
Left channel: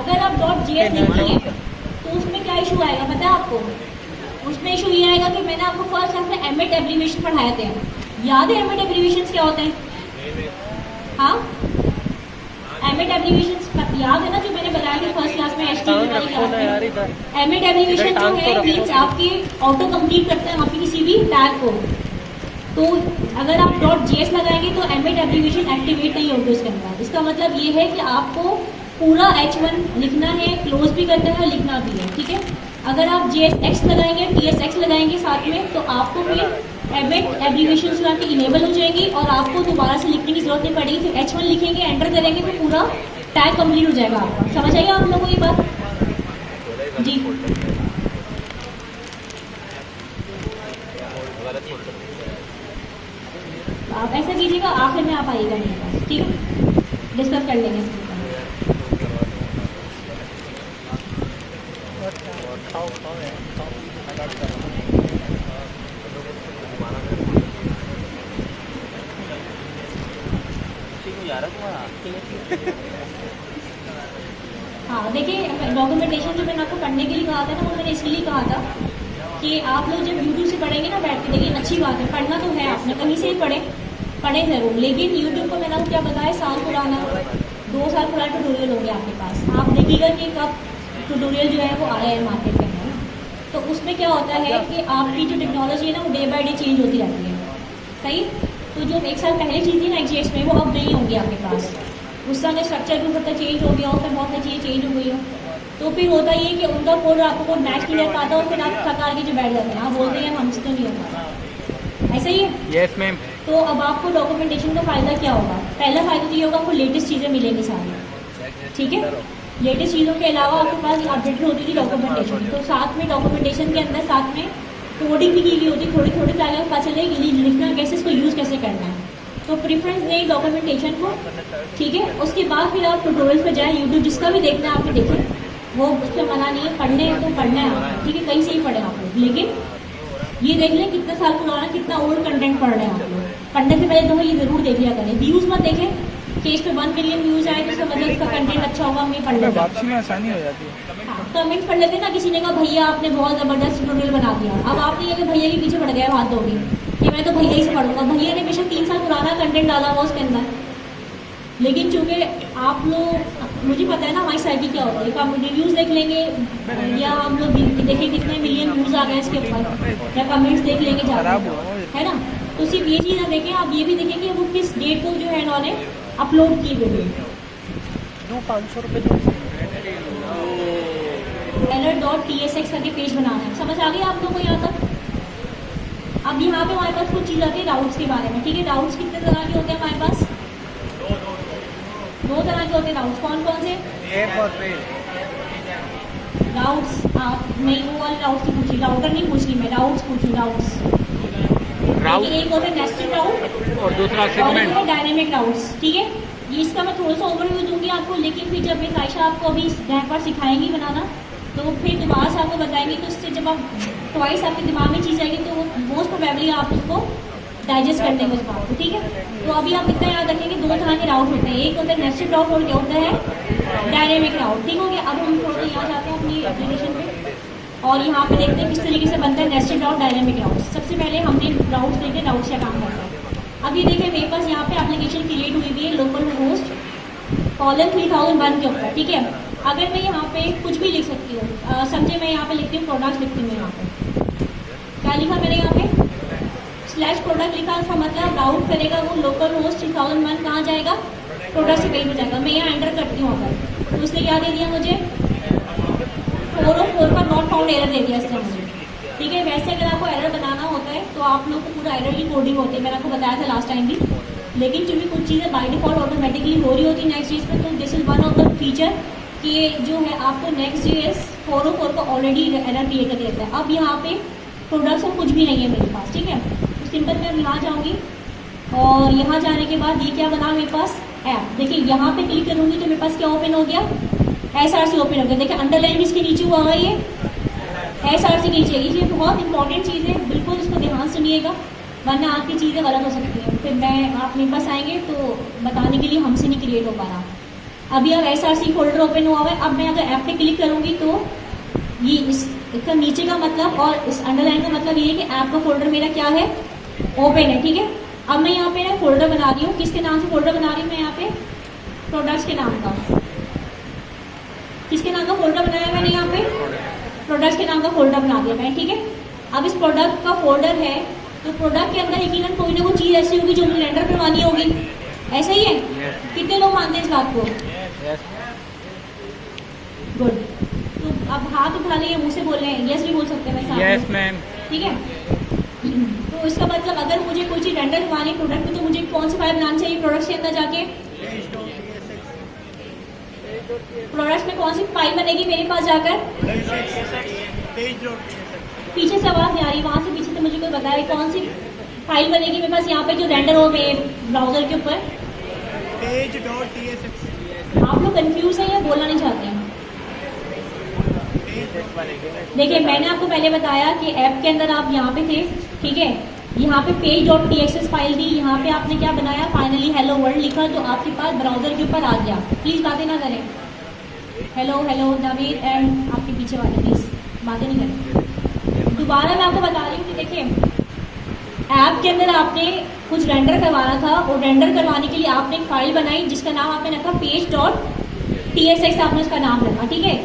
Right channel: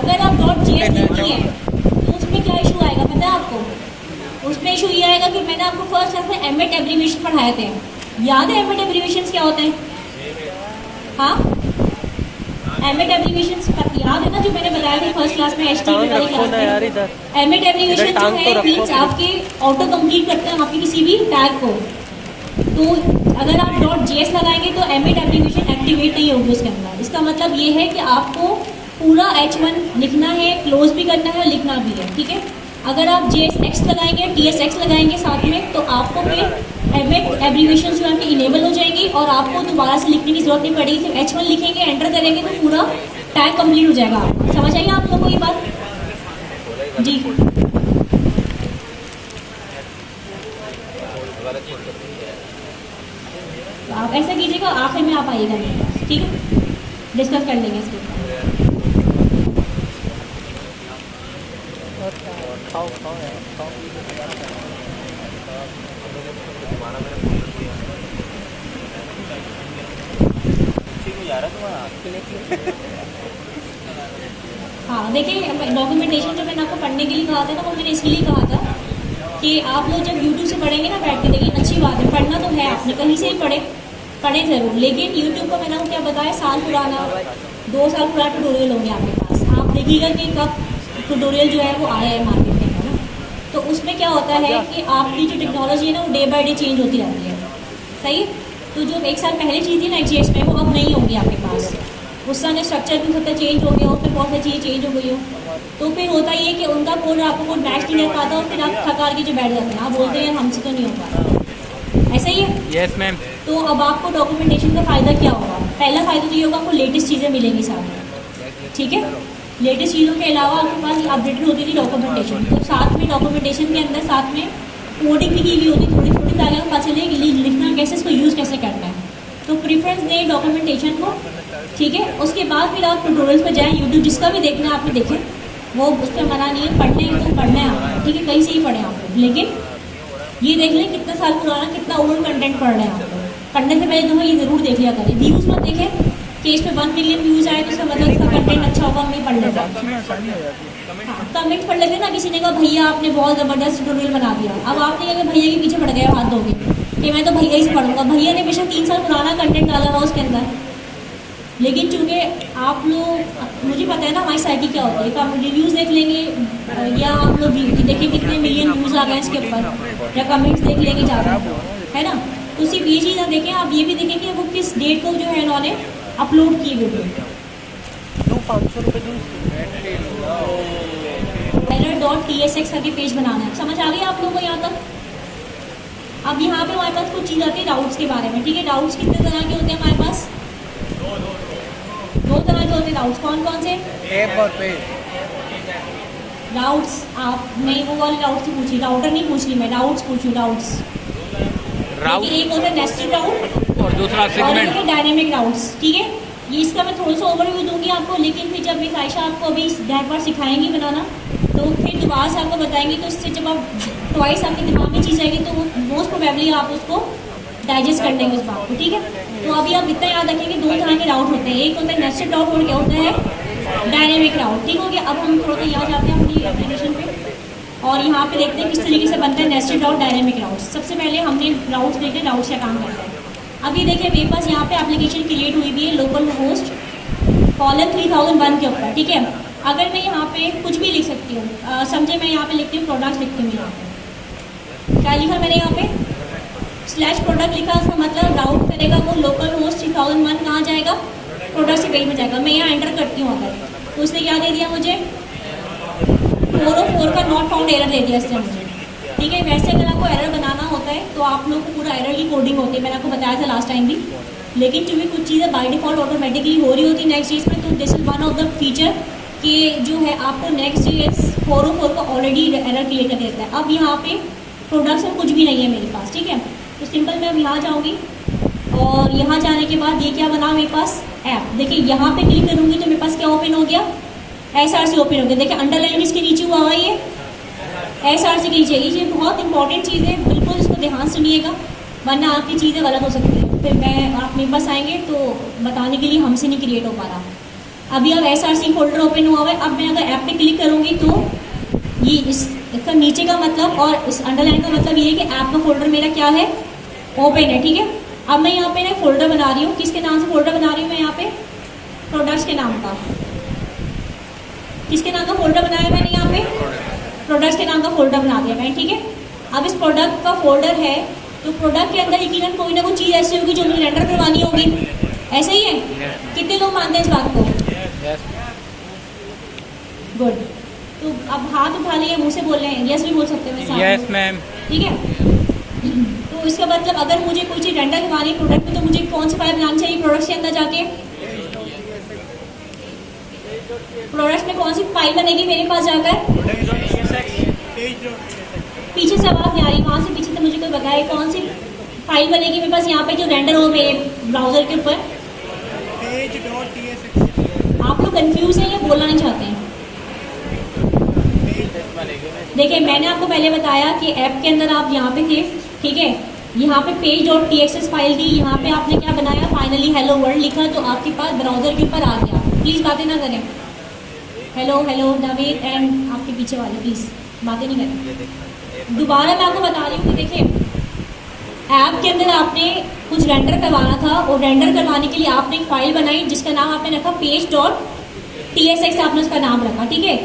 अगर आप .js लिखिए तो उसमें क्या इशू आएगा पता है आपको? उसमें इशू ये आएगा कि मैंने आपको फर्स्ट क्लास में एमएट एब्रीविएशन पढ़ाए थे, याद है एमएट एब्रीविएशन क्या होते हैं? हाँ, एमएट एब्रीविएशन याद है ना, जो मैंने बताया था फर्स्ट क्लास में एचटीएमएल वाली क्लास में। एमएट एब्रीविएशन जो है मीन्स आपके ऑटो कंप्लीट करते हैं आपके किसी भी टैग को। तो अगर आप .js लगाएंगे तो एमएट एब्रीविएशन एक्टिवेट नहीं होगी उसके अंदर। इसका मतलब ये है कि आपको पूरा H1 लिखना है, क्लोज भी करना है, लिखना भी है, ठीक है। अगर आप JSX लगाएंगे, TSX लगाएंगे साथ में, तो आपको फिर एमएट एब्रीविएशन जो आपकी इनेबल हो जाएंगी और आपको दोबारा से लिखने की जरूरत नहीं पड़ेगी। फिर H1 लिखेंगे, एंटर करेंगे तो पूरा टैग कंप्लीट हो जाएगा। समझ आइए आप लोगों को ये बात जी। तो आप ऐसा कीजिएगा, आखिर में आप आइएगा, ठीक है, डिस्कस कर लेंगे इसके। खाओ खाओ यार खाओ। हाँ देखिए, डॉक्यूमेंटेशन जो मैंने आपको पढ़ने के लिए कहा था, तो वो मैंने इसलिए कहा था कि आप लोग जब यूट्यूब से पढ़ेंगे ना बैठ के, देखिए अच्छी बात है, पढ़ना तो है, आपने कहीं से ही पढ़े जरूर, लेकिन यूट्यूब को मैंने आपको क्या बताया, साल पुराना 2 साल पुराना ट्यूटोरियल होंगे आपके पास। आप देखिएगा कि कब ट्यूटोरियल जो है वो आया है मार्केट में। तो उसमें क्या होता है कि आपकी जो टेक्नोलॉजी है ना वो डे बाय डे चेंज होती रहती है, सही। तो जो 1 साल पहले चीज़ थी ना XJS में, वो अब नहीं होंगी आपके पास। उस समय स्ट्रक्चर भी होता चेंज हो गया हो, फिर बहुत सारी चीज़ें चेंज हो गई हो, तो फिर होता ये कि उनका कोड आपको कोड मैच नहीं कर पाता और फिर आप थका के जो बैठ जाते हैं, आप बोलते हैं हमसे तो नहीं होता, ऐसा ही। Yes ma'am. तो अब आपको डॉक्यूमेंटेशन का फ़ायदा क्या होगा? पहला फ़ायदा तो ये होगा, आपको लेटेस्ट चीज़ें मिलेंगी साथ, ठीक है। लेटेस्ट चीज़ों के अलावा आपके पास अपडेटेड होती थी डॉक्यूमेंटेशन, तो साथ में डॉक्यूमेंटेशन के अंदर साथ में कोडिंग भी की हुई होती, थोड़ी थोड़ी पहले पता चले कि लिखना कैसे, इसको यूज़ कैसे करना है। तो प्रेफरेंस दें डॉक्यूमेंटेशन को, ठीक है। उसके बाद फिर आप ट्यूटोरियल्स पर जाएँ, यूट्यूब जिसका भी देखना है आपने देखे, वो उस पर मना नहीं है, पढ़ने तो पढ़ना है आपको, ठीक है, कहीं से ही पढ़े आप लोग, लेकिन ये देख लें कितना साल पुराना कितना ओल्ड कंटेंट पढ़ रहे हैं आप लोग। पढ़ने से पहले तो ये ज़रूर देख लिया करें, व्यूज़ मत देखें कि इस पे 1 मिलियन व्यूज़ आए तो उसका मतलब इसका कंटेंट अच्छा होगा, हमें पढ़ लेते हैं। आसानी हो जाती है। कमेंट्स पढ़ लेते ना, किसी ने कहा भैया आपने बहुत ज़बरदस्त ट्यूटोरियल बना दिया, अब आपने अगर भैया के पीछे पड़ गए हाथ धोगे कि मैं तो भैया ही से पढ़ूंगा, भैया ने बेशक 3 साल पुराना कंटेंट डाला हुआ उसके अंदर, लेकिन चूंकि आप लोग, मुझे पता है ना हमारी साइटी क्या होती है, आप रिव्यूज़ देख लेंगे या आप लोग देखें कितने मिलियन व्यूज़ आ गए इसके ऊपर, या कमेंट्स देख लेंगे ज़्यादा, है ना। तो सिर्फ ये चीज़ ना देखें, आप ये भी देखें कि वो किस डेट को जो है इन्होंने अपलोड की वीडियो। 500 रुपये error.tsx करके पेज बनाना है, समझ आ गई आप लोगों को यहाँ तक? अब यहाँ पे हमारे पास कुछ चीज़ आती है डाउट्स के बारे में, ठीक है। डाउट्स कितने तरह के होते हैं हमारे पास? 2 तरह के होते हैं डाउट्स। कौन कौन से? एक और पे डाउट्स, आप नहीं वो वाले डाउट्स नहीं पूछी, डाउटर नहीं पूछ रही मैं, डाउट्स पूछी, डाउट्स। एक होता है नेस्टेड डाउट और दूसरा सेगमेंट डायनेमिक डाउट्स, ठीक है। ये इसका मैं थोड़ा सा ओवरव्यू दूंगी आपको, लेकिन फिर जब मिस आयशा आपको अभी एक बार सिखाएंगी बनाना, तो फिर दोबारा से आपको बताएंगे, तो इससे जब आप ट्वाइस आपके दिमाग में चीज़ आएगी तो वो मोस्ट प्रोबेबली आप उसको डाइजेस्ट कर लेंगे उस बात को, ठीक है। तो अभी आप इतना याद रखेंगे 2 तरह के डाउट होते हैं, एक होता है नेस्टेड डाउट और क्या होता है डायनेमिक डाउट, ठीक हो गया। अब हम थोड़ा सा यहाँ जाते हैं पूरी एप्लीकेशन पे और यहाँ पे देखते हैं किस तरीके से बनते हैं नेस्टेड डाउट, डायनेमिक डाउट। सबसे पहले हमने डाउट्स देखे, डाउट्स का काम करते हैं। अब ये देखिए मेरे पास यहाँ पे एप्लीकेशन क्रिएट हुई भी है लोकल होस्ट $3001 के ऊपर, ठीक है। अगर मैं यहाँ पे कुछ भी लिख सकती हूँ, समझे मैं यहाँ पे लिखती हूँ प्रोडक्ट लिखती हूँ, यहाँ पे क्या लिखा मैंने यहाँ पे /प्रोडक्ट लिखा, उसका मतलब राउट करेगा वो लोकल होस्ट 3001 कहाँ जाएगा, प्रोडक्ट से पेज में जाएगा। मैं यहाँ एंटर करती हूँ अगर, तो उसने क्या दे दिया मुझे 404 का नॉट फाउंड एरर दे दिया इसने मुझे, ठीक है, वैसे अगर आपको एरर बनाना होता है तो आप लोग को पूरा एरर की कोडिंग होती है, मैंने आपको बताया था लास्ट टाइम भी। लेकिन क्योंकि कुछ चीज़ें बाय डिफॉल्ट ऑटोमेटिकली हो रही होती नेक्स्ट चीज़ में, तो this is one of the feature कि जो है आपको नेक्स्ट JS 404 को ऑलरेडी एरर क्रिएट करके देता है। अब यहाँ पे प्रोडक्ट्स में कुछ भी नहीं है मेरे पास, ठीक है। तो सिंपल मैं अब यहाँ जाऊँगी और यहाँ जाने के बाद ये क्या बना मेरे पास ऐप। देखिए यहाँ पे क्लिक करूँगी तो मेरे पास क्या ओपन हो गया, SRC ओपन हो गया। देखिए अंडरलाइन इसके नीचे हुआ है, ये SRC के नीचे। ये बहुत इंपॉर्टेंट चीज़ है, बिल्कुल इसको ध्यान सुनिएगा वरना आपकी चीज़ें गलत हो सकती है। फिर आप मेरे पास आएंगे तो बताने के लिए हमसे नहीं क्रिएट हो पा रहा। अभी अब SRC फोल्डर ओपन हुआ है। अब मैं अगर ऐप पे क्लिक करूँगी तो ये इसका नीचे का मतलब और इस अंडरलाइन का मतलब ये है कि ऐप का फोल्डर मेरा क्या है, ओपन है, ठीक है। अब मैं यहाँ पे ना फोल्डर बना रही हूँ, किसके नाम से फोल्डर बना रही हूँ मैं यहाँ पे, प्रोडक्ट्स के नाम का। किसके नाम का फोल्डर बनाया मैंने यहाँ पे, प्रोडक्ट्स के नाम का फोल्डर बना दिया मैं, ठीक है। अब इस प्रोडक्ट का फोल्डर है तो प्रोडक्ट के अंदर यकीनन कोई ना कोई चीज़ ऐसी होगी जो मुझे रेंडर करवानी होगी, ऐसा ही है। कितने लोग मानते हैं इस बात को? गुड। तो अब हाथ उठा लिए, मुंह से बोल रहे हैं, यस भी बोल सकते हैं मैं साथ में। Yes ma'am. ठीक है। तो इसका मतलब अगर मुझे कोई चीज़ रेंडर करवानी है प्रोडक्ट तो मुझे कौन सी फाइल बनानी चाहिए प्रोडक्ट के अंदर जाके? प्रोडक्ट में कौन सी फाइल बनेगी मेरे पास जाकर? पीछे से आवाज़ नहीं आ रही, वहाँ से पीछे से मुझे कोई बताए कौन सी फाइल बनेगी मेरे पास यहाँ पे जो रेंडर हो मेरे ब्राउजर के ऊपर। आप लोग कंफ्यूज हैं या बोलना नहीं चाहते हैं? देखिए मैंने आपको पहले बताया कि ऐप के अंदर आप यहाँ पे थे, ठीक है। यहाँ पे page.txs फाइल थी, यहाँ पे आपने क्या बनाया, फाइनली हेलो वर्ल्ड लिखा जो आपके पास ब्राउजर के ऊपर आ गया। प्लीज बातें ना करें, हेलो हेलो जावेद एंड आपके पीछे वाले प्लीज बातें नहीं करें। दोबारा मैं आपको बता रही हूँ कि देखिए ऐप के अंदर आपने कुछ रेंडर करवाना था और रेंडर करवाने के लिए आपने एक फाइल बनाई जिसका नाम आपने रखा page.tsx, आपने उसका नाम रखा, ठीक है।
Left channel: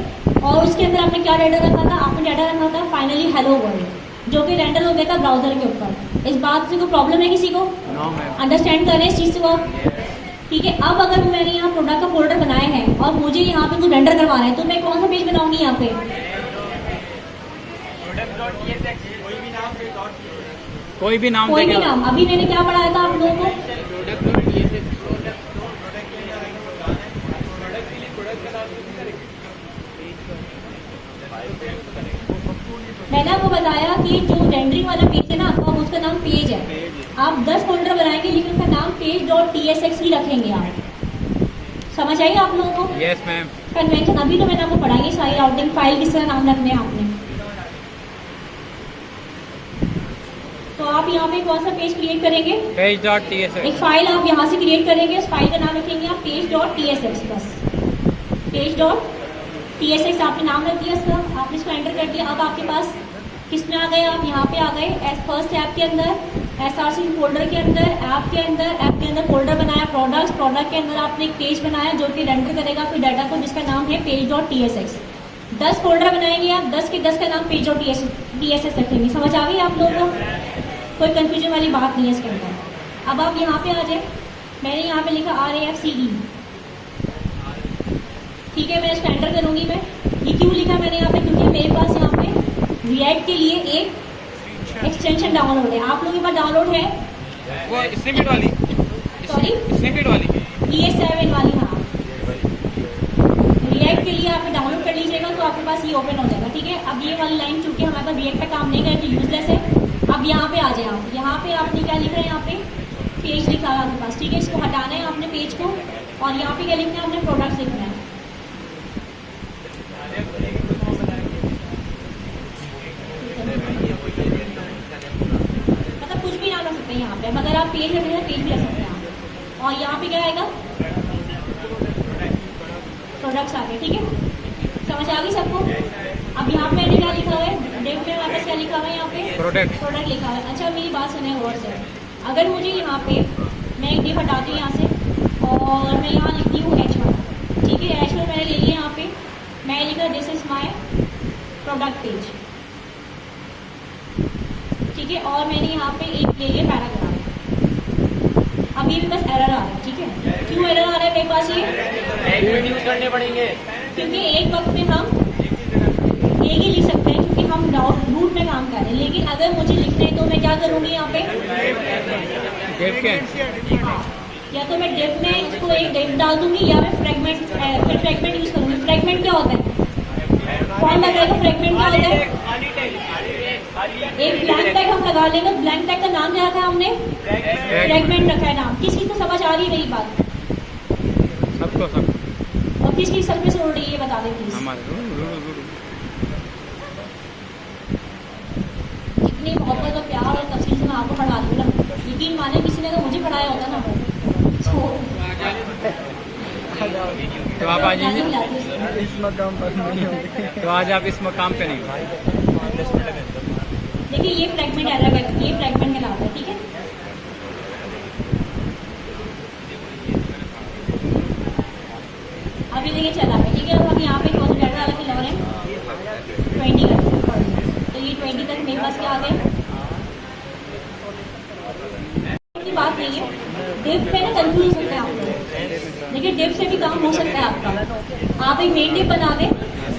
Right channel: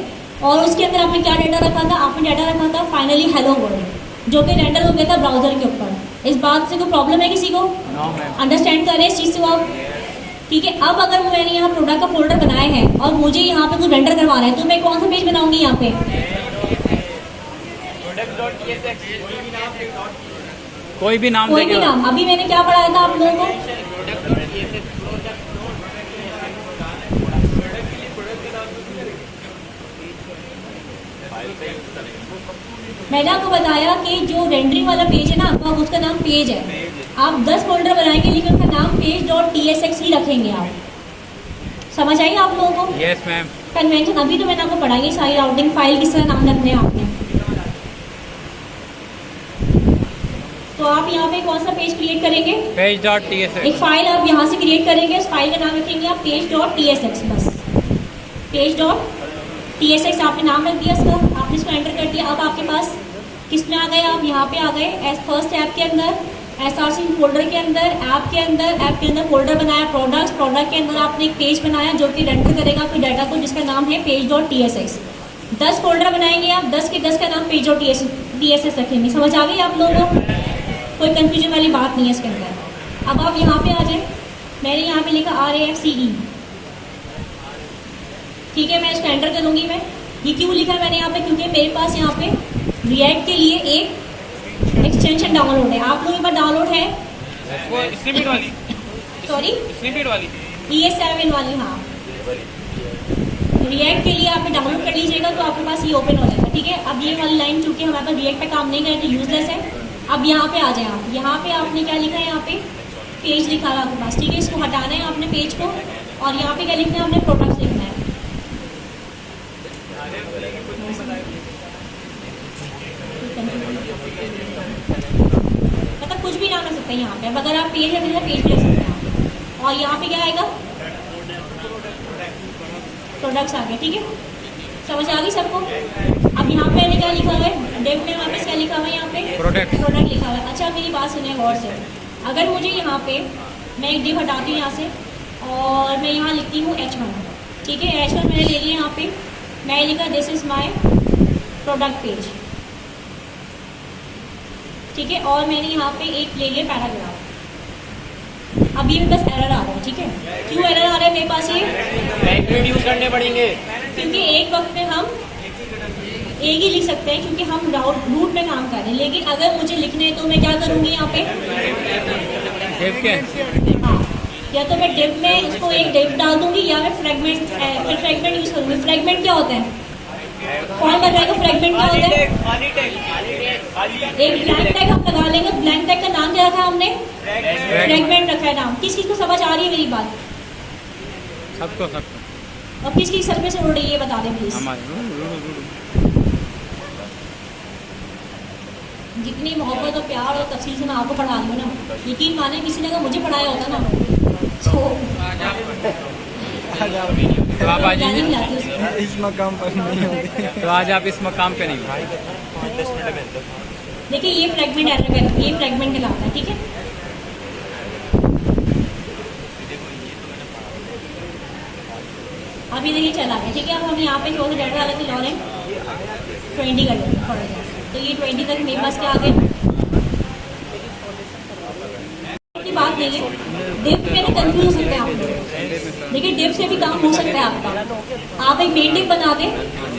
और उसके अंदर आपने क्या डाटा रखा था, आपने डाटा रखा था फाइनली हेलो वर्ल्ड जो कि रेंडर हो गया था ब्राउजर के ऊपर। इस बात से कोई प्रॉब्लम है किसी को? अंडरस्टैंड कर रहे हैं इस चीज़ से आप? ठीक है। अब अगर मैंने यहाँ प्रोडक्ट का फोल्डर बनाए हैं और मुझे यहाँ पे कुछ रेंडर करवाना है तो मैं कौन सा पेज बनाऊंगी यहाँ पे? कोई भी नाम कोई भी देखेगा। नाम। अभी मैंने क्या पढ़ाया था आप लोगों को? मैंने आपको बताया कि जो रेंडरिंग वाला पेज है ना आपका, उसका नाम पेज है। आप 10 फोल्डर बनाएंगे लेकिन उसका नाम page.tsx ही रखेंगे आप। समझ आई आप लोगों को? Yes ma'am. कन्वेंशन अभी तो मैंने आपको पढ़ाई सारी राउटिंग फाइल किस तरह नाम रखने हैं आपने। तो आप यहाँ पे कौन सा पेज क्रिएट करेंगे? page.tsx। एक फाइल आप यहाँ से क्रिएट करेंगे, उस फाइल का नाम रखेंगे आप page.tsx, बस page.tsx आपने नाम रख दिया इसका, आपने इसको एंटर कर दिया। अब आपके पास किस में आ गए, आप यहाँ पे आ गए फर्स्ट ऐप के अंदर, SRC फोल्डर के अंदर, ऐप के अंदर फोल्डर बनाया प्रोडक्ट के अंदर आपने एक पेज बनाया जो कि रेंडर करेगा आपके डाटा को जिसका नाम है page.tsx। 10 फोल्डर बनाएंगे आप, 10 के 10 का नाम page.tsx रखेंगे। समझ आ गई आप लोगों को? कोई कंफ्यूजन वाली बात नहीं है इसके अंदर। अब आप यहाँ पे आ जाए, मैंने यहाँ पे लिखा RAFCE, ठीक है। मैं इसको एंटर करूँगी। मैं ये क्यों लिखा मैंने यहाँ पे, क्योंकि मेरे पास यहाँ पे रिएक्ट के लिए एक एक्सटेंशन डाउनलोड है। आप लोगों के पास डाउनलोड है? स्निपेट वाली, सॉरी स्निपेट वाली, ES7 वाली, हाँ। रिएक्ट के लिए आपने डाउनलोड कर लीजिएगा तो आपके पास ये ओपन हो जाएगा, ठीक है। अब ये वाली लाइन चूंकि हमारे पास रिएक्ट पे काम नहीं करे तो यूजलेस है। अब यहाँ पे आ जाए आप, यहाँ पे आपने क्या लिखा है, यहाँ पे पेज लिखा है आपके पास, ठीक है। इसको हटाना है आपने पेज को और यहाँ पे क्या लिखना है, आपने प्रोडक्ट लिखना है। मतलब कुछ भी नाम रख सकते हैं यहाँ पे। अब अगर आप पेज रखेंगे तो पेज भी रख सकते हैं। और यहाँ पे क्या आएगा, प्रोडक्ट्स आ गए, ठीक है। समझ आ गई सबको? अब यहाँ पे क्या लिखा हुआ है, डेव में वापस क्या लिखा हुआ है, यहाँ पे प्रोडक्ट लिखा हुआ है। अच्छा मेरी बात सुने गौर से, अगर मुझे यहाँ पे मैं एक डेव हटाती हूँ यहाँ से और मैं यहाँ लिखती हूँ H1, ठीक है। H1 मैंने ले लिया यहाँ पे, मैं लिखा this is my product page, ठीक है। और मैंने यहाँ पे एक ले लिया पैराग्राफ। अभी मेरे पास एरर आ रहा है, ठीक है। क्यों एरर आ रहा है मेरे पास? ये यूज करने पड़ेंगे क्योंकि एक वक्त में हम एक ही लिख सकते हैं क्योंकि हम रूट में काम कर रहे हैं। लेकिन अगर मुझे लिखना है तो मैं क्या करूंगी यहाँ पे? डिव के या तो मैं डिव में इसको एक डिव डाल दूंगी या मैं फ्रेगमेंट यूज करूंगी। फ्रेगमेंट क्या होता है? कौन लगाएगा फ्रेगमेंट क्या होता है? एक ब्लैंक टैग हम लगा लेंगे। ब्लैंक टैग का नाम क्या रखा है हमने? फ्रेगमेंट रखा है नाम। किस चीज को समझ आ रही है मेरी बात? सबको और किसकी सर पे से उड़ रही है ये बता दें प्लीज। हमारे जितनी मोहब्बत और प्यार और तफसील से मैं आपको पढ़ा दूँ ना, यकीन माने किसी ने अगर मुझे पढ़ाया होता ना तो आप आ जाइए। नहीं लाती उसको। इस मकाम पर नहीं होते। तो आज आप इस मकाम पे नहीं हो। देखिए ये फ्रेगमेंट ऐसा कर, ये फ्रेगमेंट कहलाता है, ठीक है। अभी देखिए चला है, ठीक है। अब हम यहाँ पे जो डेटा डाले थे लॉ ने 20 कर, तो ये 20 तक मेरे पास क्या आ गया? की बात नहीं है, डिव में ना कंफ्यूज हो सकते हैं आप लोग। देखिए डिव से भी काम हो सकता है आपका। आप एक मेन डिव बना दें,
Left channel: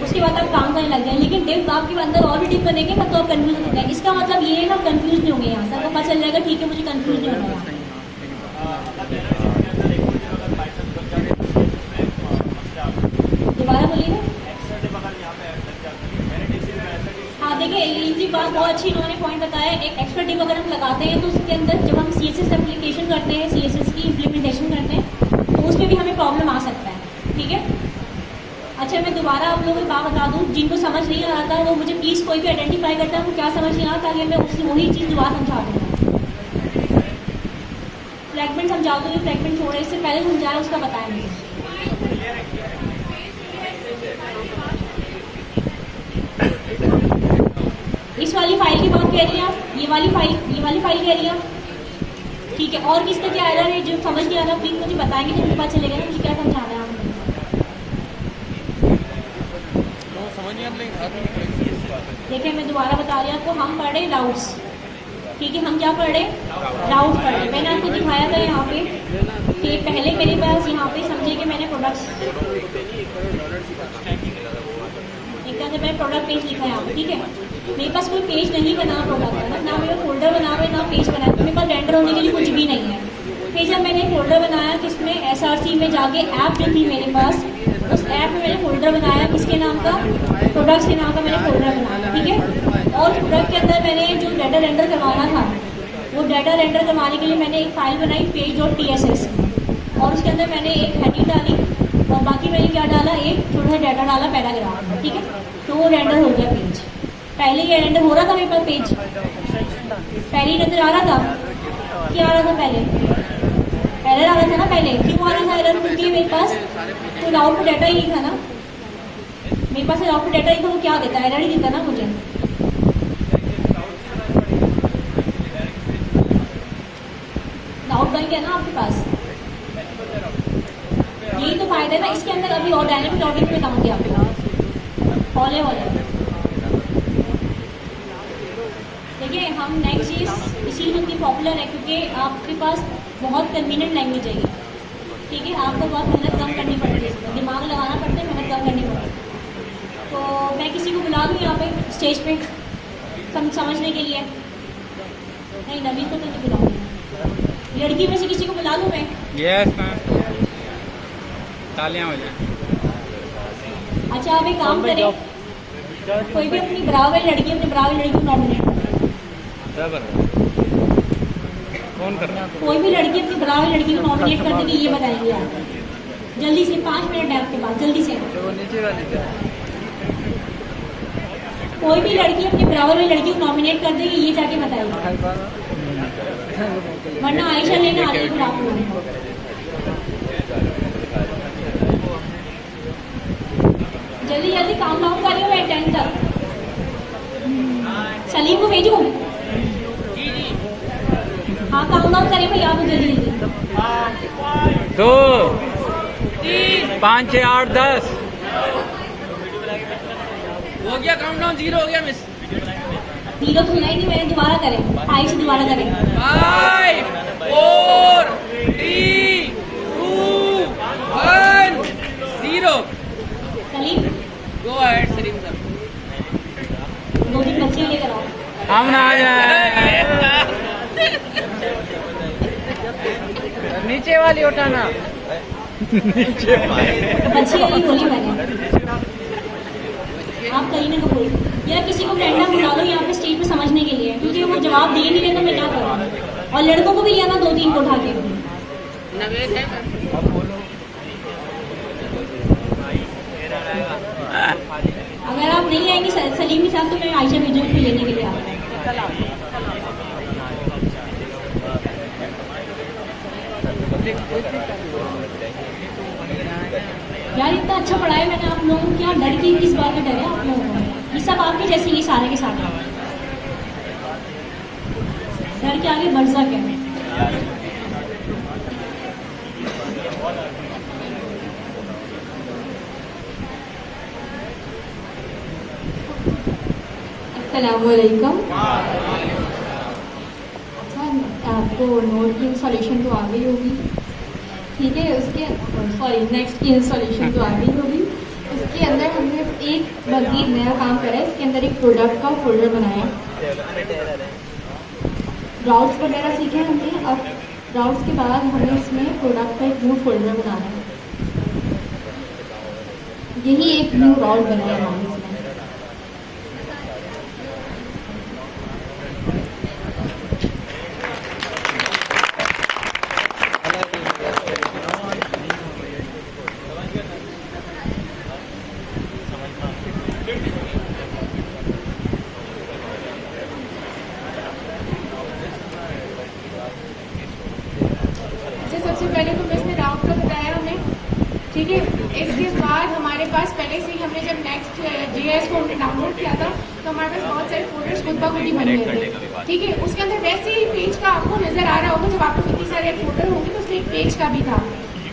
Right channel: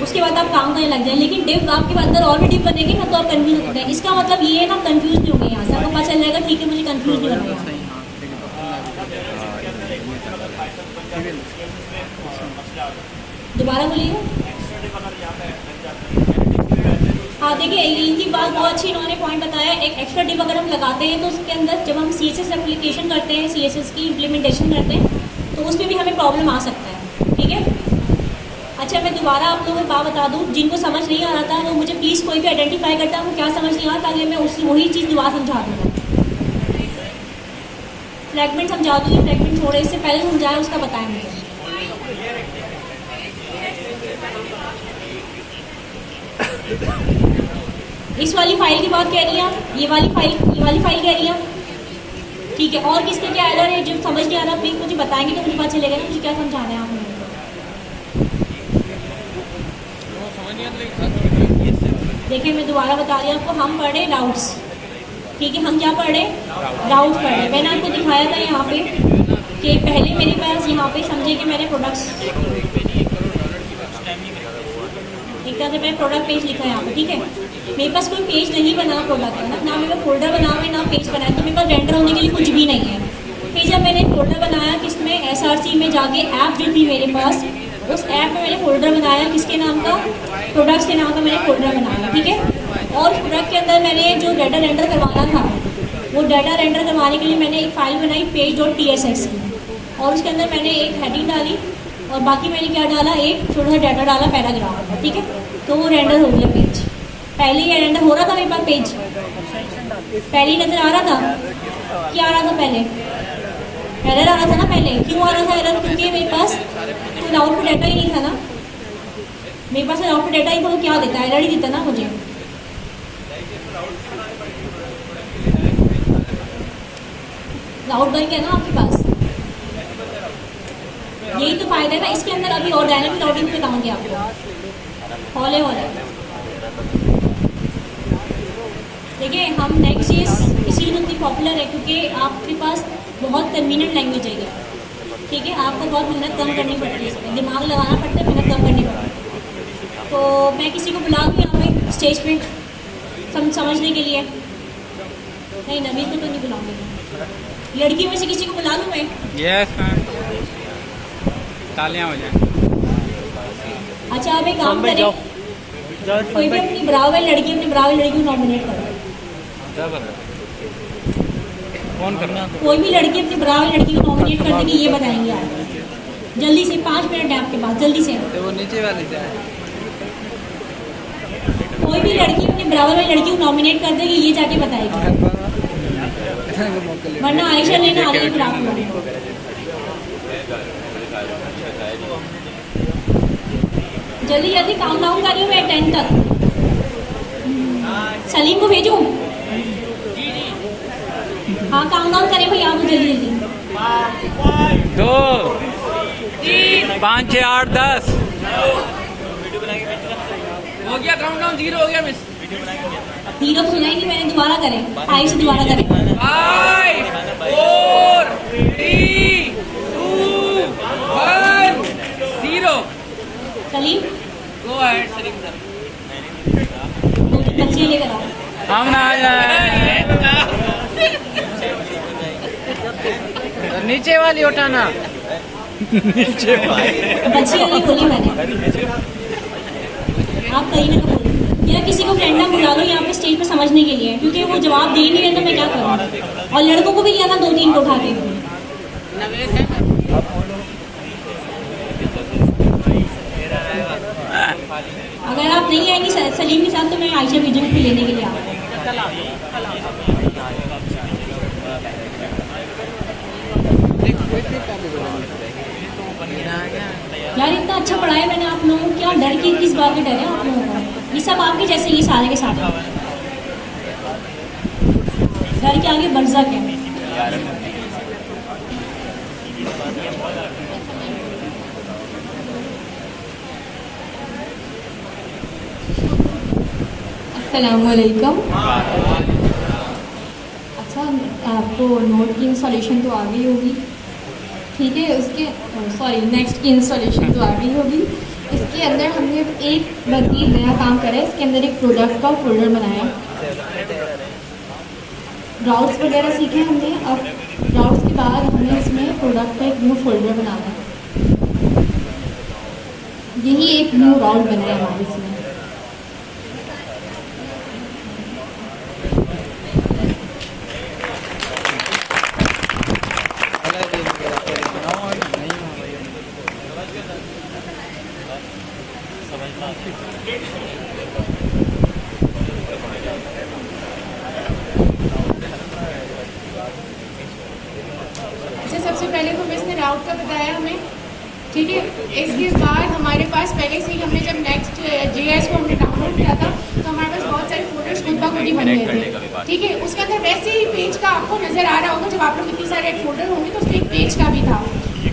उसके बाद आप काम करने लग जाए, लेकिन डिव आपके अंदर और भी डिव बनेंगे ना तो आप कंफ्यूज हो जाए। इसका मतलब ये है ना, कंफ्यूज नहीं होंगे। यहाँ से आपको पता चल जाएगा ठीक है मुझे कंफ्यूज नहीं होगा। दोबारा बोलिए। हाँ देखिए इनकी बात बहुत अच्छी इन्होंने पॉइंट बताया। एक एक्स्ट्रा डिव अगर हम लगाते हैं तो उसके अंदर जब हम CSS एप्लीकेशन करते हैं, CSS की इम्प्लीमेंटेशन करते हैं तो उसमें भी हमें प्रॉब्लम आ सकता है, ठीक है। अच्छा मैं दोबारा आप लोगों को बात बता दूं, जिनको समझ नहीं आ रहा था वो मुझे प्लीज़ कोई भी आइडेंटिफाई करता है क्या समझ नहीं आ, ताकि मैं उसकी वही चीज़ दोबारा समझा दूँ। फ्रैगमेंट समझा दूँगी, फ्रैगमेंट थोड़े इससे पहले समझाया उसका बताया मुझे। इस वाली फाइल की बात कह रही हैं, ये वाली फाइल कह रही हैं, ठीक है। और किसका क्या एरर है जो समझ नहीं आ रहा प्लीज मुझे बताएंगे तो मुझे पता चलेगा ना मुझे क्या समझाना है आपने। देखिए मैं दोबारा बता रही हूँ आपको, हम पढ़े डाउट्स, ठीक है। हम क्या पढ़े? डाउट पढ़े। मैंने आपको दिखाया था यहाँ पे कि पहले मेरे पास यहाँ पे समझे कि मैंने प्रोडक्ट्स से मैंने प्रोडक्ट पेज लिखा है यहाँ पे, ठीक है। मेरे पास कोई पेज नहीं बना प्रोडक्ट का, ना मेरा फोल्डर बना हुआ है ना पेज बना है, तो मेरे पास रेंडर होने के लिए कुछ भी नहीं है। फिर जब मैंने फोल्डर बनाया किसमें, SRC में जाके ऐप जो थी मेरे पास, उस ऐप में मैंने फोल्डर बनाया किसके नाम का? प्रोडक्ट्स के नाम का मैंने फोल्डर बनाया, ठीक है। और प्रोडक्ट के अंदर मैंने जो डाटा रेंडर करवाना था, वो डाटा रेंडर करवाने के लिए मैंने एक फाइल बनाई page.tss, और उसके अंदर मैंने एक हेडिंग डाली और बाकी मैंने क्या डाला, एक छोटा सा डाटा डाला पैराग्राफ, ठीक है। तो वो रेंडर हो गया पेज। पहले ये रेंडर हो रहा था मेरे पास पेज, पहले ही नजर आ रहा था। क्या आ रहा था पहले? एरर आ रहा था ना पहले। क्यों आ रहा था एरर? क्योंकि मेरे पास कोई आउटपुट डाटा ही नहीं था ना, मेरे पास आउटपुट डाटा ही था, वो क्या देता? एरर ही देता ना मुझे। आउट बन गया ना आपके पास, यही तो फायदा है ना इसके अंदर। अभी और डायनामिक राउटिंग में बताऊंगी आपको, हॉले वाला। देखिए हम नेक्स्ट चीज इसीलिए इतनी पॉपुलर है क्योंकि आपके पास बहुत कन्वीनियंट लैंग्वेज है ये, ठीक है। आपको बहुत मेहनत कम करनी पड़ती है, दिमाग लगाना पड़ता है, मेहनत कम करनी पड़ती है। तो मैं किसी को बुला लूँ यहाँ पे स्टेज पे समझने के लिए? नहीं, नवीन को तो नहीं बुलाऊंगी। लड़की में से किसी को बुला लूँ मैं? यस मैम, तालियां हो जाए। अच्छा आप एक काम करें, कोई भी अपनी बराबर वाली लड़की को नॉमिनेट करो। कौन कर रहा है? कोई भी लड़की अपनी बराबर वाली लड़की को नॉमिनेट कर देगी, ये बताएंगे आप। जल्दी से 5 मिनट है आपके पास, जल्दी से। वो नीचे वाले थे। कोई भी लड़की अपनी बराबर वाली लड़की को नॉमिनेट कर देगी, ये जाके बताएगी, वरना आयशा लेने आ रही है फिर आप लोग। जल्दी जल्दी काम डाउन कर रही हूँ मैं 10 तक। सलीम को भेजूं? हाँ काम डाउन करें भाई आप जल्दी जल्दी। 2 5 6 8 10 हो गया काउंटडाउन, 0 हो गया मिस। 0 सुनाई नहीं मैंने, दोबारा करें 5 से दोबारा करें। 5 4 3 2 1 0। Salim go ahead Salim sir. वो भी बच्चे लेकर आओ। हम ना आ जाए। नीचे वाली उठाना। बच्ची वाली बोली मैंने, आप कहीं ना कहीं या किसी को रैंडम बुला लो यहाँ पे स्टेज पे समझने के लिए, क्योंकि वो जवाब दे नहीं रहे तो मैं क्या करूँ। और लड़कों को भी लिया था 2-3 को उठा के। नवेद है अगर आप नहीं आएंगे सलीम के साथ तो मैं आयशा वीडियो पे लेने के लिए आऊँ। यार इतना अच्छा पढ़ाया मैंने आप लोगों को, क्या डर की किस बात के डर है आप लोगों को? ये सब आपके जैसे ये सारे के साथ डर के आगे बढ़ सके। अस्सलामुअलैकुम। अच्छा, आपको नोट की इंस्टॉलेशन तो आ गई होगी, ठीक है। उसके नेक्स्ट की इंस्टॉलेशन तो आ गई होगी। इसके अंदर हमने एक मज़ीद नया काम करा है। इसके अंदर एक प्रोडक्ट का फोल्डर बनाया है। राउट्स वगैरह सीखे हमने। अब राउट्स के बाद हमने इसमें प्रोडक्ट का एक न्यू फोल्डर बनाया है। यही एक न्यू राउट बन गया हमारे इसमें। सबसे पहले तो मिस ने राउट का बताया हमें, ठीक है। इसके बाद हमारे पास पहले से ही हमने जब नेक्स्ट जीएस को हमने डाउनलोड किया था तो हमारे पास बहुत सारे फोटोज डिब्बा गुडी बन गए थे, ठीक है। उसके अंदर वैसे ही पेज का आपको नजर आ रहा होगा, जब आप लोग इतने सारे फोटो होंगे तो उसके एक पेज का भी था।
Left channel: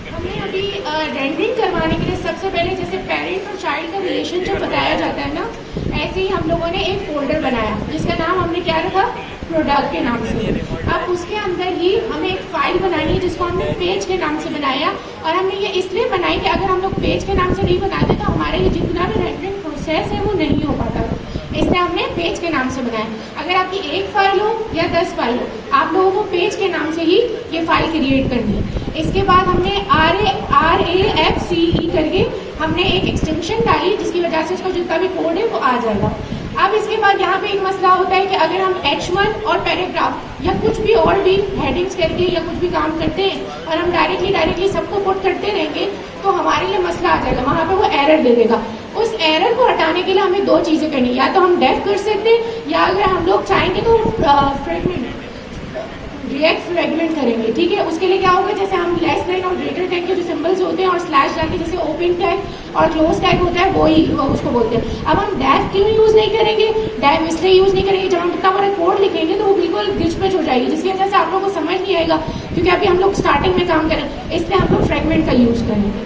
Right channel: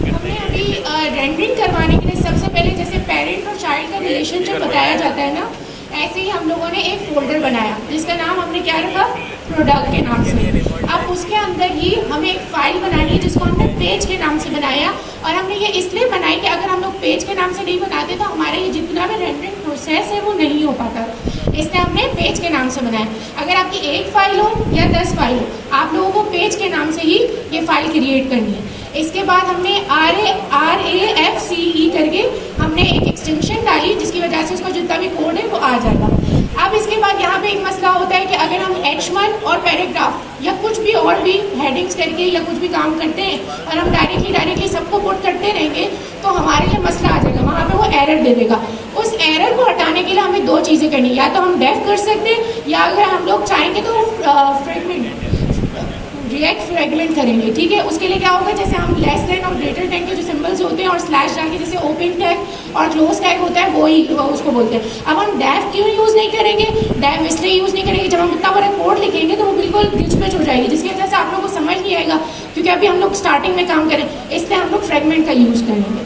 हमने अभी रेंडरिंग करवाने के लिए सबसे पहले जैसे पेरेंट और चाइल्ड का रिलेशनशिप बताया जाता है ना, ऐसे ही हम लोगों ने एक फोल्डर बनाया जिसका नाम हमने क्या रखा, प्रोडक्ट के नाम से। अब उसके अंदर ही हमें एक फाइल बनानी है जिसको हमने पेज के नाम से बनाया, और हमने ये इसलिए बनाई कि अगर हम लोग पेज के नाम से नहीं बनाते तो हमारा ये जितना भी रेंडरिंग प्रोसेस है वो नहीं हो पाता, इसलिए हमने पेज के नाम से बनाया। अगर आपकी एक फाइल हो या 10 फाइल हो, आप लोगों को पेज के नाम से ही ये फाइल क्रिएट करनी है। इसके बाद हमने RAFCE करके हमने एक एक्सटेंशन डाली जिसकी वजह से उसका जितना भी कोड है वो आ जाएगा। अब इसके बाद यहाँ पे एक मसला होता है कि अगर हम H1 और पैराग्राफ या कुछ भी और भी हेडिंग्स करके या कुछ भी काम करते हैं और हम डायरेक्टली सबको पुट करते रहेंगे तो हमारे लिए मसला आ जाएगा, वहाँ पे वो एरर दे देगा। उस एरर को हटाने के लिए हमें 2 चीज़ें करनी है, या तो हम डेफ कर सकते हैं या अगर हम लोग चाहेंगे तो रिएक्ट फ्रेगमेंट करेंगे, ठीक है। उसके लिए क्या होगा, जैसे हम लेस देन और ग्रेटर देन के जो सिंबल्स होते हैं और स्लैश डाल के जैसे ओपन टैग और क्लोज टैग होता है वो उसको बोलते हैं। अब हम डेफ क्यों यूज़ नहीं करेंगे, डेफ इसलिए यूज़ नहीं करेंगे जब हम इतना बड़ा कोड लिखेंगे तो वो बिल्कुल गिच पिच हो जाएगी, जिसकी वजह से आप लोगों को समझ नहीं आएगा, क्योंकि अभी हम लोग स्टार्टिंग में काम करें, इसलिए हम लोग फ्रेगमेंट का यूज़ करेंगे।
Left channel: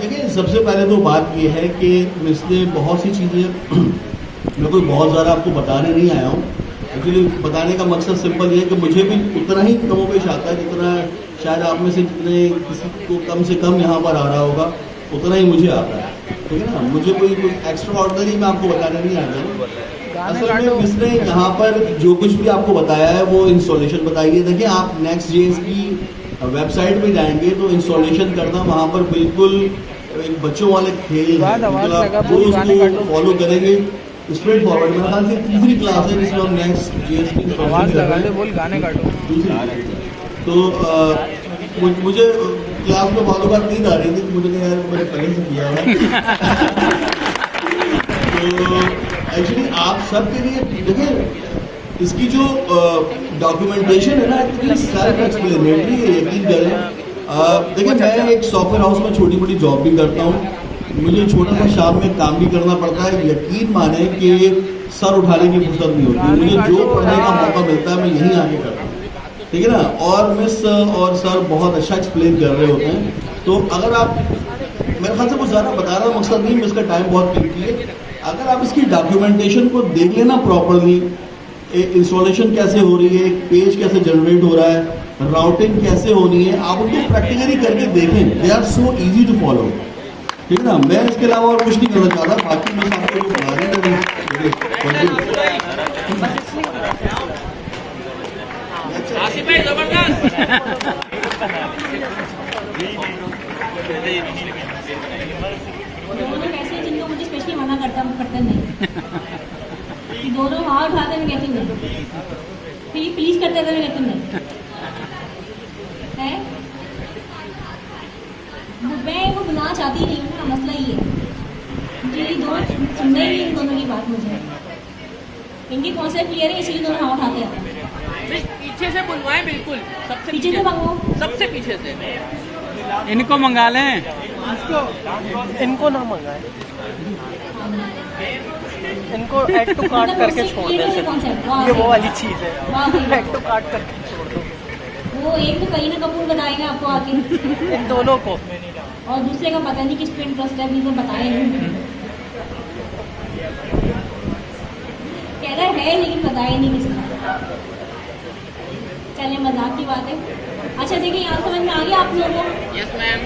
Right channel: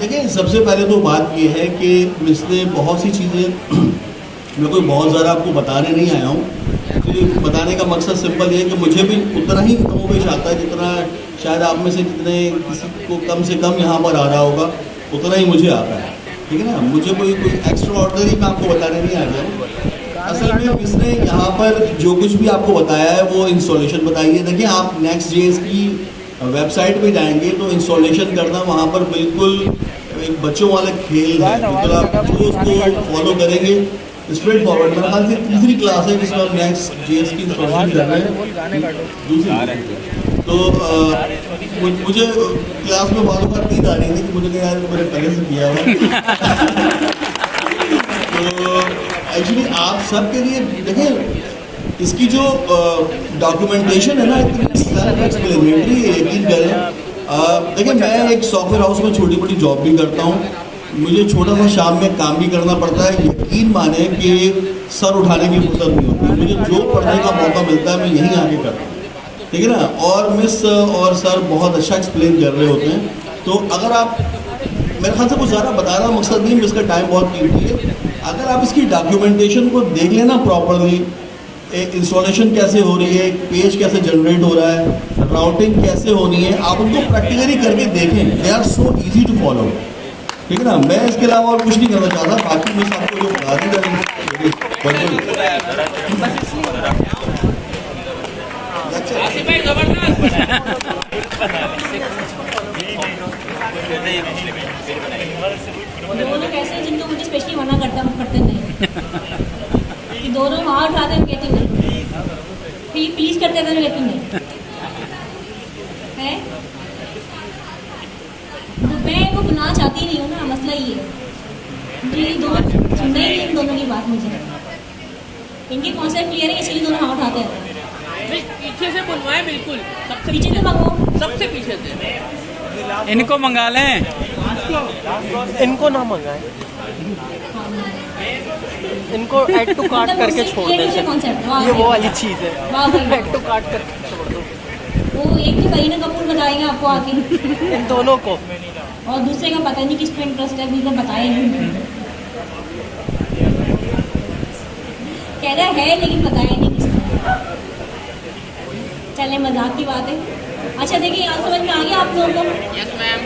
देखिए, सबसे पहले तो बात ये है कि इसने बहुत सी चीज़ें मैं कोई बहुत ज़्यादा आपको बताने नहीं आया हूँ। एक्चुअली बताने का मकसद सिंपल ये है कि मुझे भी उतना ही कमोपेश आता है जितना शायद आप में से जितने किसी को कम से कम यहाँ पर आ रहा होगा उतना ही मुझे आता है, ठीक है ना। मुझे कोई एक्स्ट्रा ऑर्डनरी मैं आपको बताने नहीं आ रहा। असल में इसने यहाँ पर जो कुछ भी आपको बताया है वो इंस्टॉलेशन बताई है। देखिए, आप Next.js की वेबसाइट पे जाएंगे तो इंस्टॉलेशन करना वहाँ पर बिल्कुल एक बच्चों वाला खेल है, मतलब जो उसको फॉलो करेंगे स्ट्रेट फॉरवर्ड। मेरा ख्याल से तीसरी क्लास है जिसमें हम Next.js की इंस्टॉलेशन कर रहे हैं, दूसरी। तो मुझे क्लास में मालूमात नहीं आ रही थी, तो मुझे नहीं यार मैंने पहले से किया है। तो एक्चुअली आप सबके लिए देखिए, इसकी जो डॉक्यूमेंटेशन है ना इतनी सेल्फ एक्सप्लेनेटरी है, यकीन करें। देखिए, मैं एक सॉफ्टवेयर हाउस में छोटी मोटी जॉब भी करता हूँ, मुझे छोटा सा शाम में काम भी करना पड़ता है। यकीन माने कि सर उठाने की फुर्सत नहीं होती, मुझे जो पढ़ने का मौका मिलता है मैं यहीं आके करता हूँ, ठीक है ना। और मिस और सर बहुत अच्छा एक्सप्लेन कर रहे होते हैं। तो अगर आप मेरे ख्याल से कुछ ज़्यादा बताना मकसद नहीं है, इसका टाइम बहुत कीमती है। अगर आप इसकी डॉक्यूमेंटेशन को देख लेना प्रॉपरली, इंस्टॉलेशन कैसे हो रही है, एक पेज कैसे जनरेट हो रहा है, राउटिंग कैसे होनी है, आप उनको प्रैक्टिकली करके देखें। They are so easy to follow, ठीक है ना। मैं इसके अलावा और कुछ नहीं करना चाह रहा। बाकी मैं आपको जो बता रहे हैं आसिफ भाई जबरदस्त। दोनों कैसे हैं जिनको मुझे स्पेशली मना करता नहीं कि दोनों वहाँ उठाते हैं, मैं कहती नहीं, प्लीज करते थे, मैं कहती नहीं है। मैं इनको बुलाना चाहती नहीं हूँ ना, मसला ये है। मुझे ये दोनों सुनना ही नहीं इन दोनों की बात। मुझे इनके कॉन्सेप्ट क्लियर है, इसलिए दोनों वहाँ उठाते हैं। पीछे से बुलवाए, बिल्कुल सबसे पीछे से मंगवाओ, सबसे पीछे से। इनको मंगा लें। इनको ना मंगाए, इनको ऐड टू कार्ट करके छोड़ दो। ये वो वाली चीज़ है, ऐड टू कार्ट करके छोड़ दो। वो एक तो करीना कपूर बताएंगे आपको आके, इन दोनों को। और दूसरे का पता नहीं किस पे इंटरेस्ट है, नहीं तो बताएंगे। कह रहे है लेकिन बताया नहीं किसको। चले मजाक की बात है। अच्छा देखिए, यहाँ समझ में आ गया आप लोगों को? Yes ma'am.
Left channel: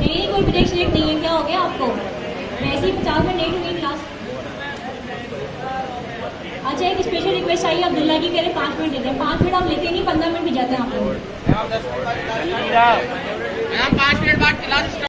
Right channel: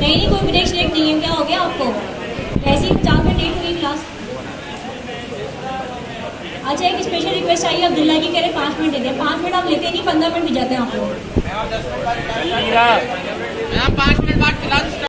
नहीं कोई ब्रेक श्रेक नहीं है, क्या हो गया आपको? वैसे ही 4 मिनट लेट हुई क्लास। अच्छा एक स्पेशल रिक्वेस्ट चाहिए अब्दुल्ला की, कह रहे 5 मिनट देते हैं। 5 मिनट आप लेते नहीं, 15 मिनट भी जाते हैं आपको।